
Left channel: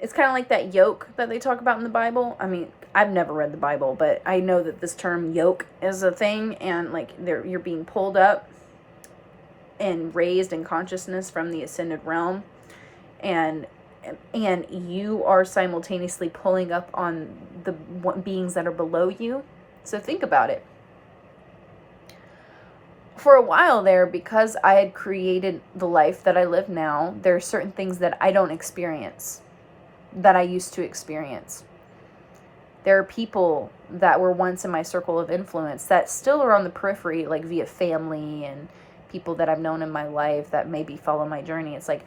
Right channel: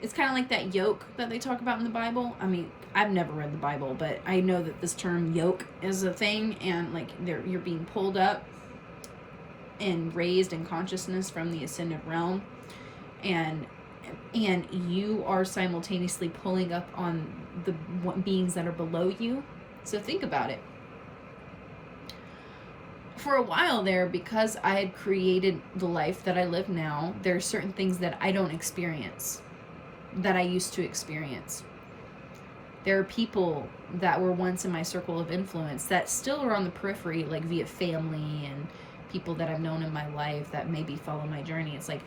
It's kind of like that yoke that they talk about in the Bible. I mean, I've never read the Bible, but I know that this term yoke is a thing, and like you're being pulled up and raised in consciousness from the ascended realm, and you are simultaneously pulling up on the beings that are below you. So think about it. For a while there, because I had created the life that I live now, there are certain things that I don't experience that I used to experience. There are people that were once in my circle of influence that still are on the periphery, like via family and people that I've known in my life that maybe follow my journey. It's like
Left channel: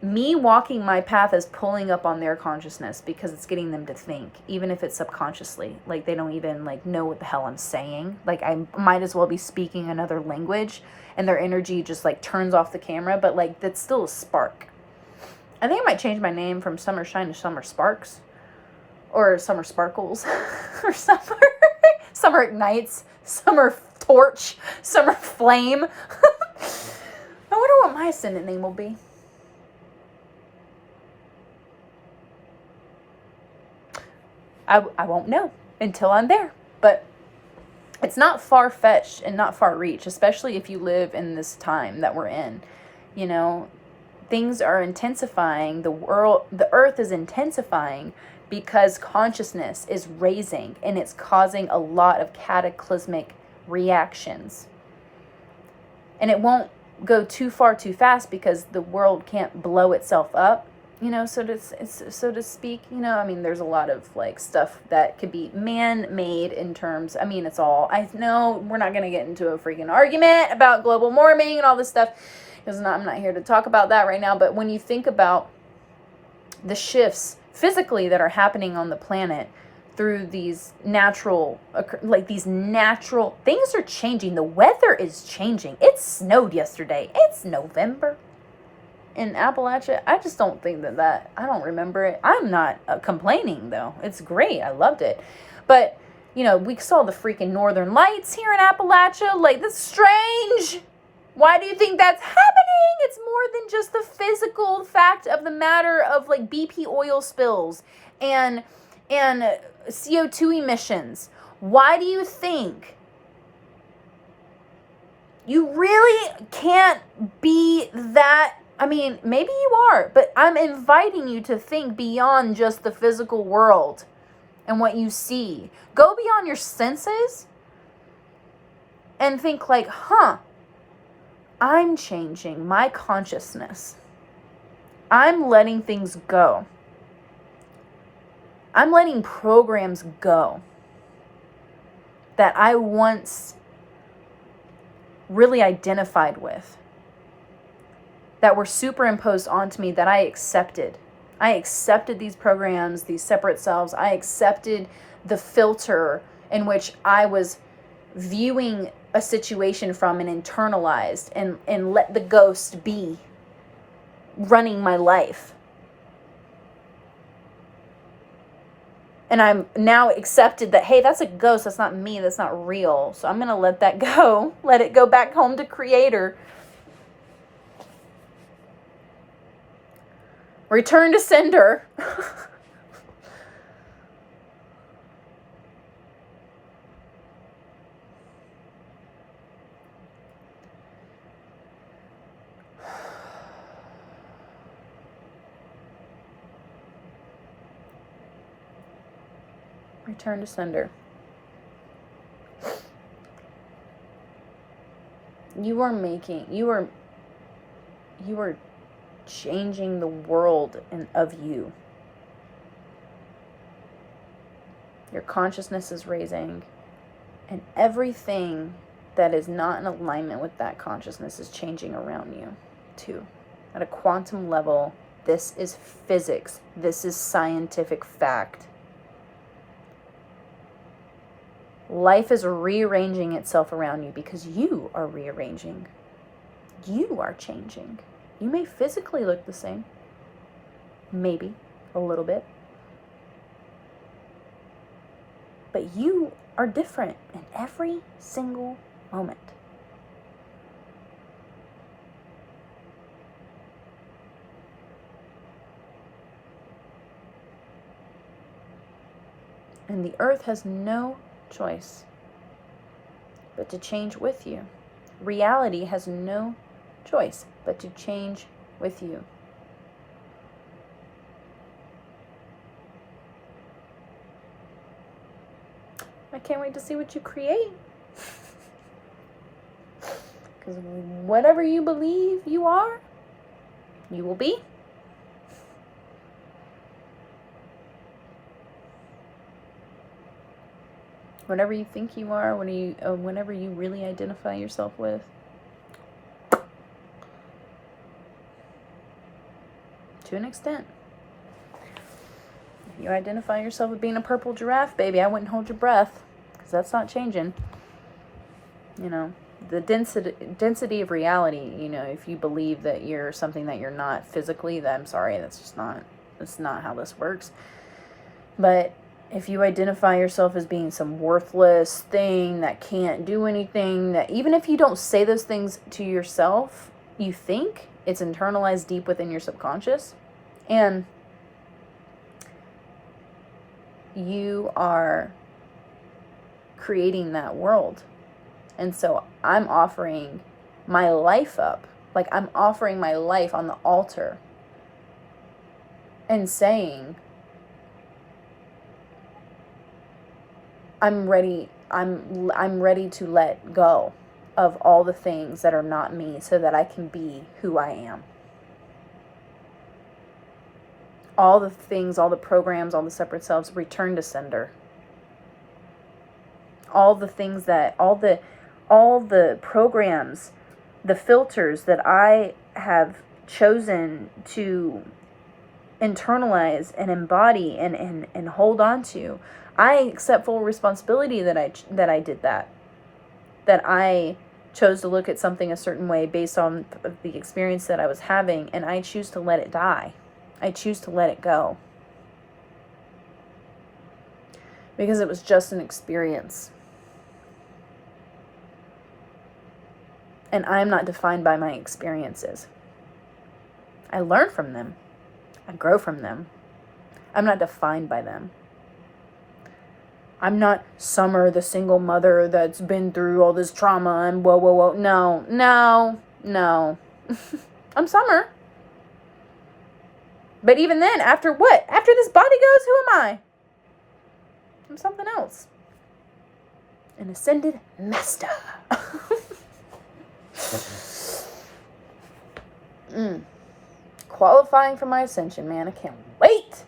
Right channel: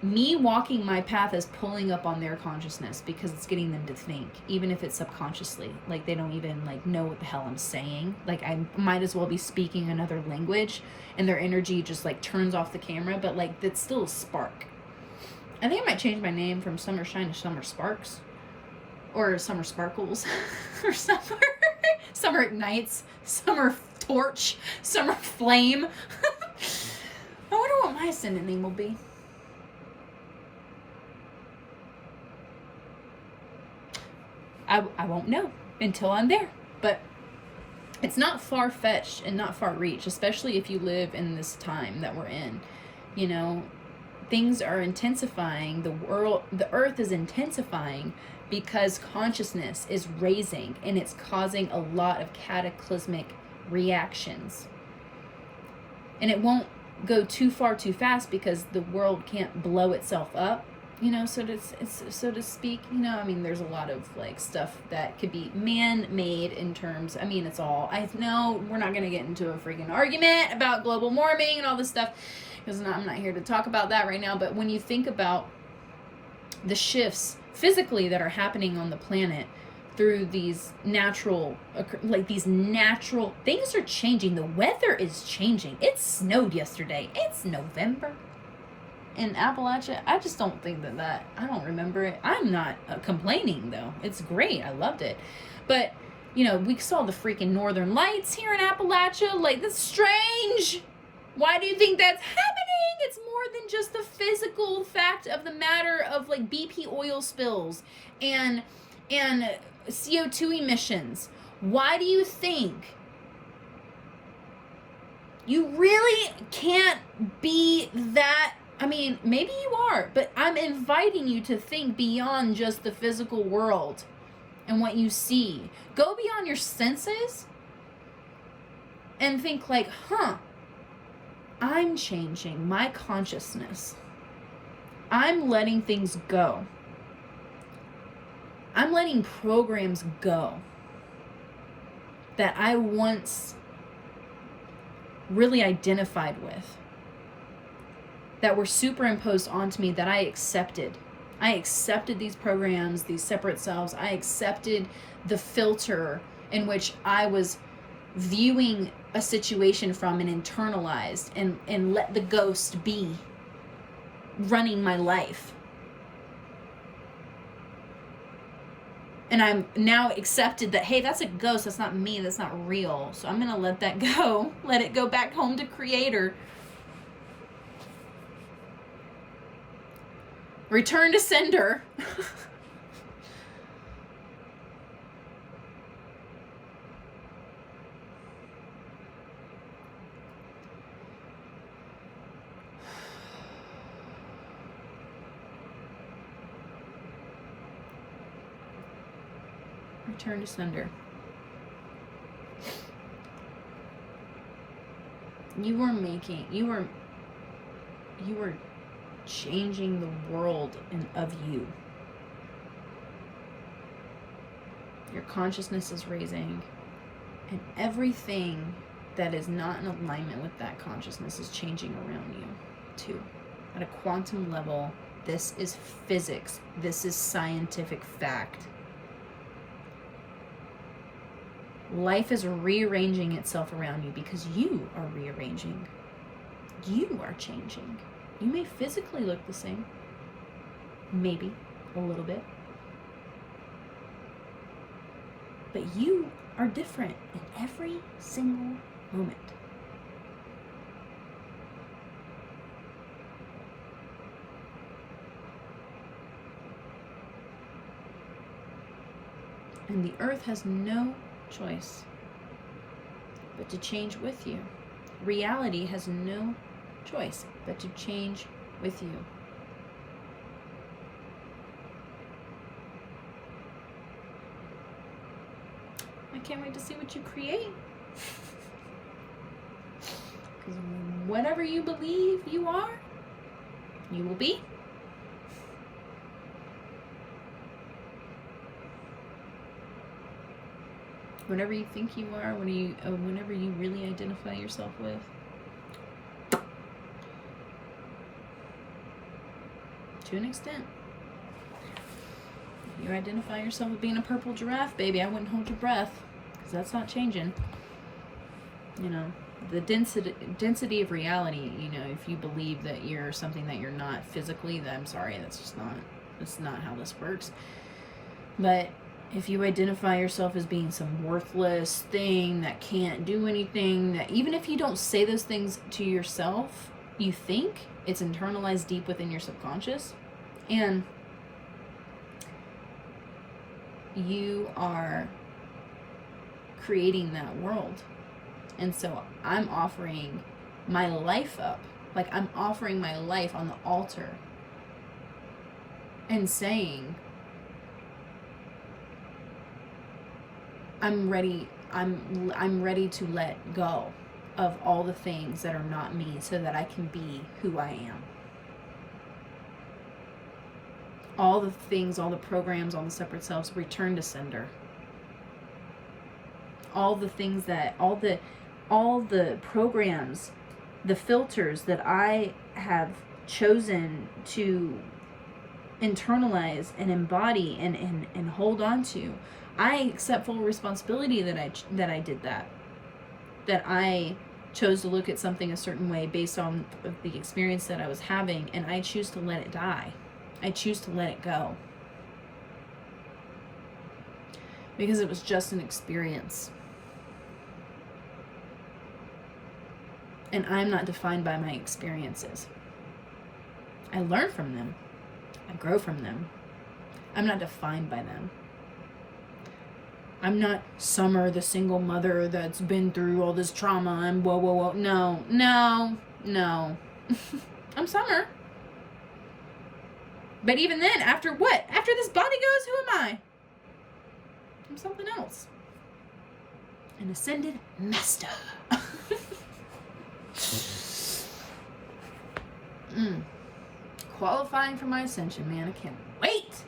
me walking my path is pulling up on their consciousness because it's getting them to think, even if it's subconsciously. Like they don't even like know what the hell I'm saying. Like I might as well be speaking another language, and their energy just like turns off the camera, but like that's still a spark. I think I might change my name from Summer Shine to Summer Sparks, or Summer Sparkles, or Summer Ignites, Summer Torch, Summer Flame. I wonder what my ascendant name will be. I won't know until I'm there, but it's not far-fetched and not far-reached, especially if you live in this time that we're in. You know, things are intensifying. The earth is intensifying because consciousness is raising, and it's causing a lot of cataclysmic reactions. And it won't go too far too fast because the world can't blow itself up. You know, so to speak, you know, I mean, there's a lot of like stuff that could be man-made in terms, I mean, it's all, I know we're not going to get into a freaking argument about global warming and all this stuff, because I'm not here to talk about that right now. But when you think about the shifts physically that are happening on the planet through these natural things are changing. The weather is changing. It snowed yesterday. It's November. In Appalachia, I just don't think that I don't remember it. I'm not complaining though. It's great. I loved it. But, you know, we saw the freaking northern lights here in Appalachia. Like, that's strange. Why do you think that's happening? It's more than just the physical fact of the matter of like BP oil spills and CO2 emissions. Why do you think? You really can't be that. I mean, maybe you are, but I'm inviting you to think beyond just the physical world and what you see. Go beyond your senses and think like, I'm changing my consciousness. I'm letting things go. I'm letting programs go that I once really identified with, that were superimposed onto me, that I accepted. I accepted these programs, these separate selves. I accepted the filter in which I was viewing a situation from and internalized, and let the ghost be running my life. And I'm now accepted that, hey, that's a ghost. That's not me. That's not real. So I'm going to let that go. Let it go back home to Creator. Return to sender. Return to sender. You are changing the world of you. Your consciousness is raising, and everything that is not in alignment with that consciousness is changing around you too. At a quantum level, this is physics. This is scientific fact. Life is rearranging itself around you because you are rearranging. You are changing. You may physically look the same. Maybe a little bit. But you are different in every single moment. And the earth has no choice but to change with you. Reality has no choice but to change with you. I can't wait to see what you create. Because whatever you believe you are, you will be. Whatever you think you are, whenever you really identify yourself with. To an extent. If you identify yourself with being a purple giraffe, baby, I wouldn't hold your breath. Because that's not changing. You know, the density of reality, you know, if you believe that you're something that you're not physically, then I'm sorry, that's not how this works. But if you identify yourself as being some worthless thing that can't do anything, that even if you don't say those things to yourself, you think it's internalized deep within your subconscious, and you are creating that world. And so I'm offering my life up, like I'm offering my life on the altar and saying, I'm ready to let go of all the things that are not me so that I can be who I am. All the things, all the programs, all the separate selves, return to sender. All the things that, all the programs, the filters that I have chosen to internalize and embody and hold on to, I accept full responsibility that I did that. That I chose to look at something a certain way based on the experience that I was having, and I choose to let it die. I choose to let it go. Because it was just an experience. And I am not defined by my experiences. I learn from them. I grow from them. I'm not defined by them. I'm not Summer, the single mother that's been through all this trauma and whoa. No. I'm Summer. But even then, after what? After this body goes, who am I? I'm something else. An ascended master. Qualifying for my ascension, man. I can't wait.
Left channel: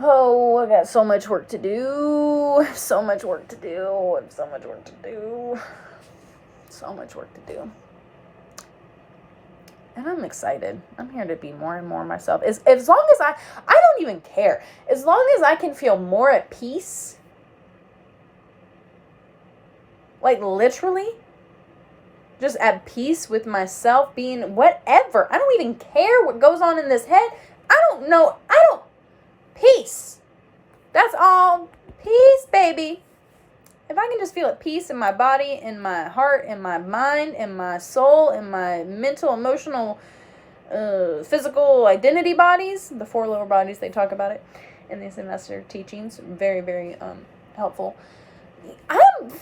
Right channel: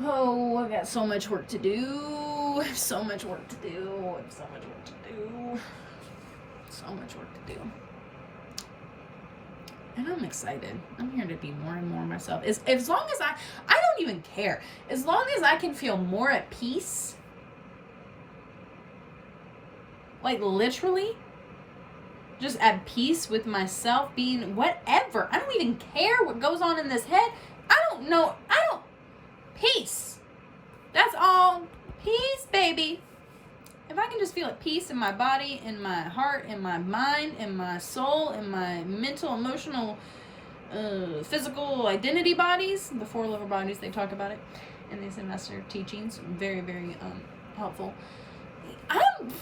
Oh, I got so much work to do. So much work to do. And I'm excited. I'm here to be more and more myself. As long as I don't even care. As long as I can feel more at peace. Like literally. Just at peace with myself, being whatever. I don't even care what goes on in this head. I don't know. Peace. That's all. Peace, baby. If I can just feel at peace in my body, in my heart, in my mind, in my soul, in my mental, emotional, physical identity bodies, the 4 lower bodies, they talk about it in these investor teachings. Very, very helpful. I'm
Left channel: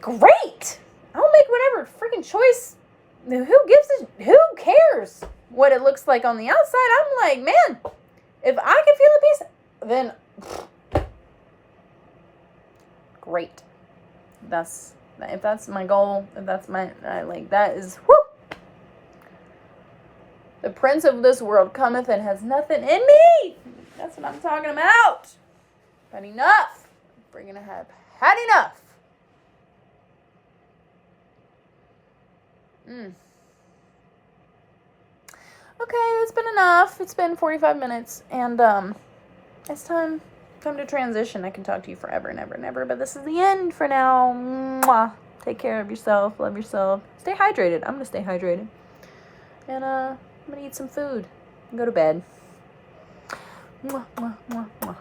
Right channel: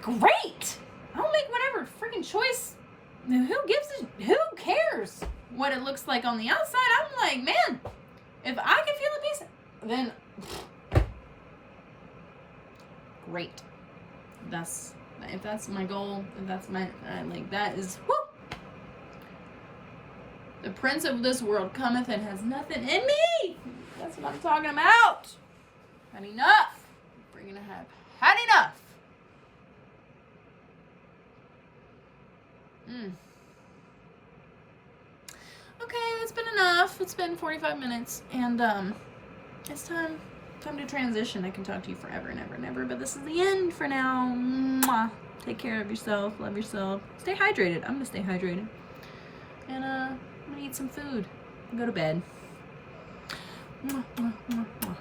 great. I'll make whatever freaking choice. Who cares what it looks like on the outside? I'm like, man, if I can feel at peace, then great. If that's my goal, if that's that is, whoo! The prince of this world cometh and has nothing in me. That's what I'm talking about. Had enough. We're gonna have had enough. Okay, that's been enough. It's been 45 minutes, and it's time to transition. I can talk to you forever and ever and ever, but this is the end for now. Mwah. Take care of yourself. Love yourself. Stay hydrated. I'm gonna stay hydrated, and I'm gonna eat some food and go to bed. Mwah, mwah, mwah, mwah.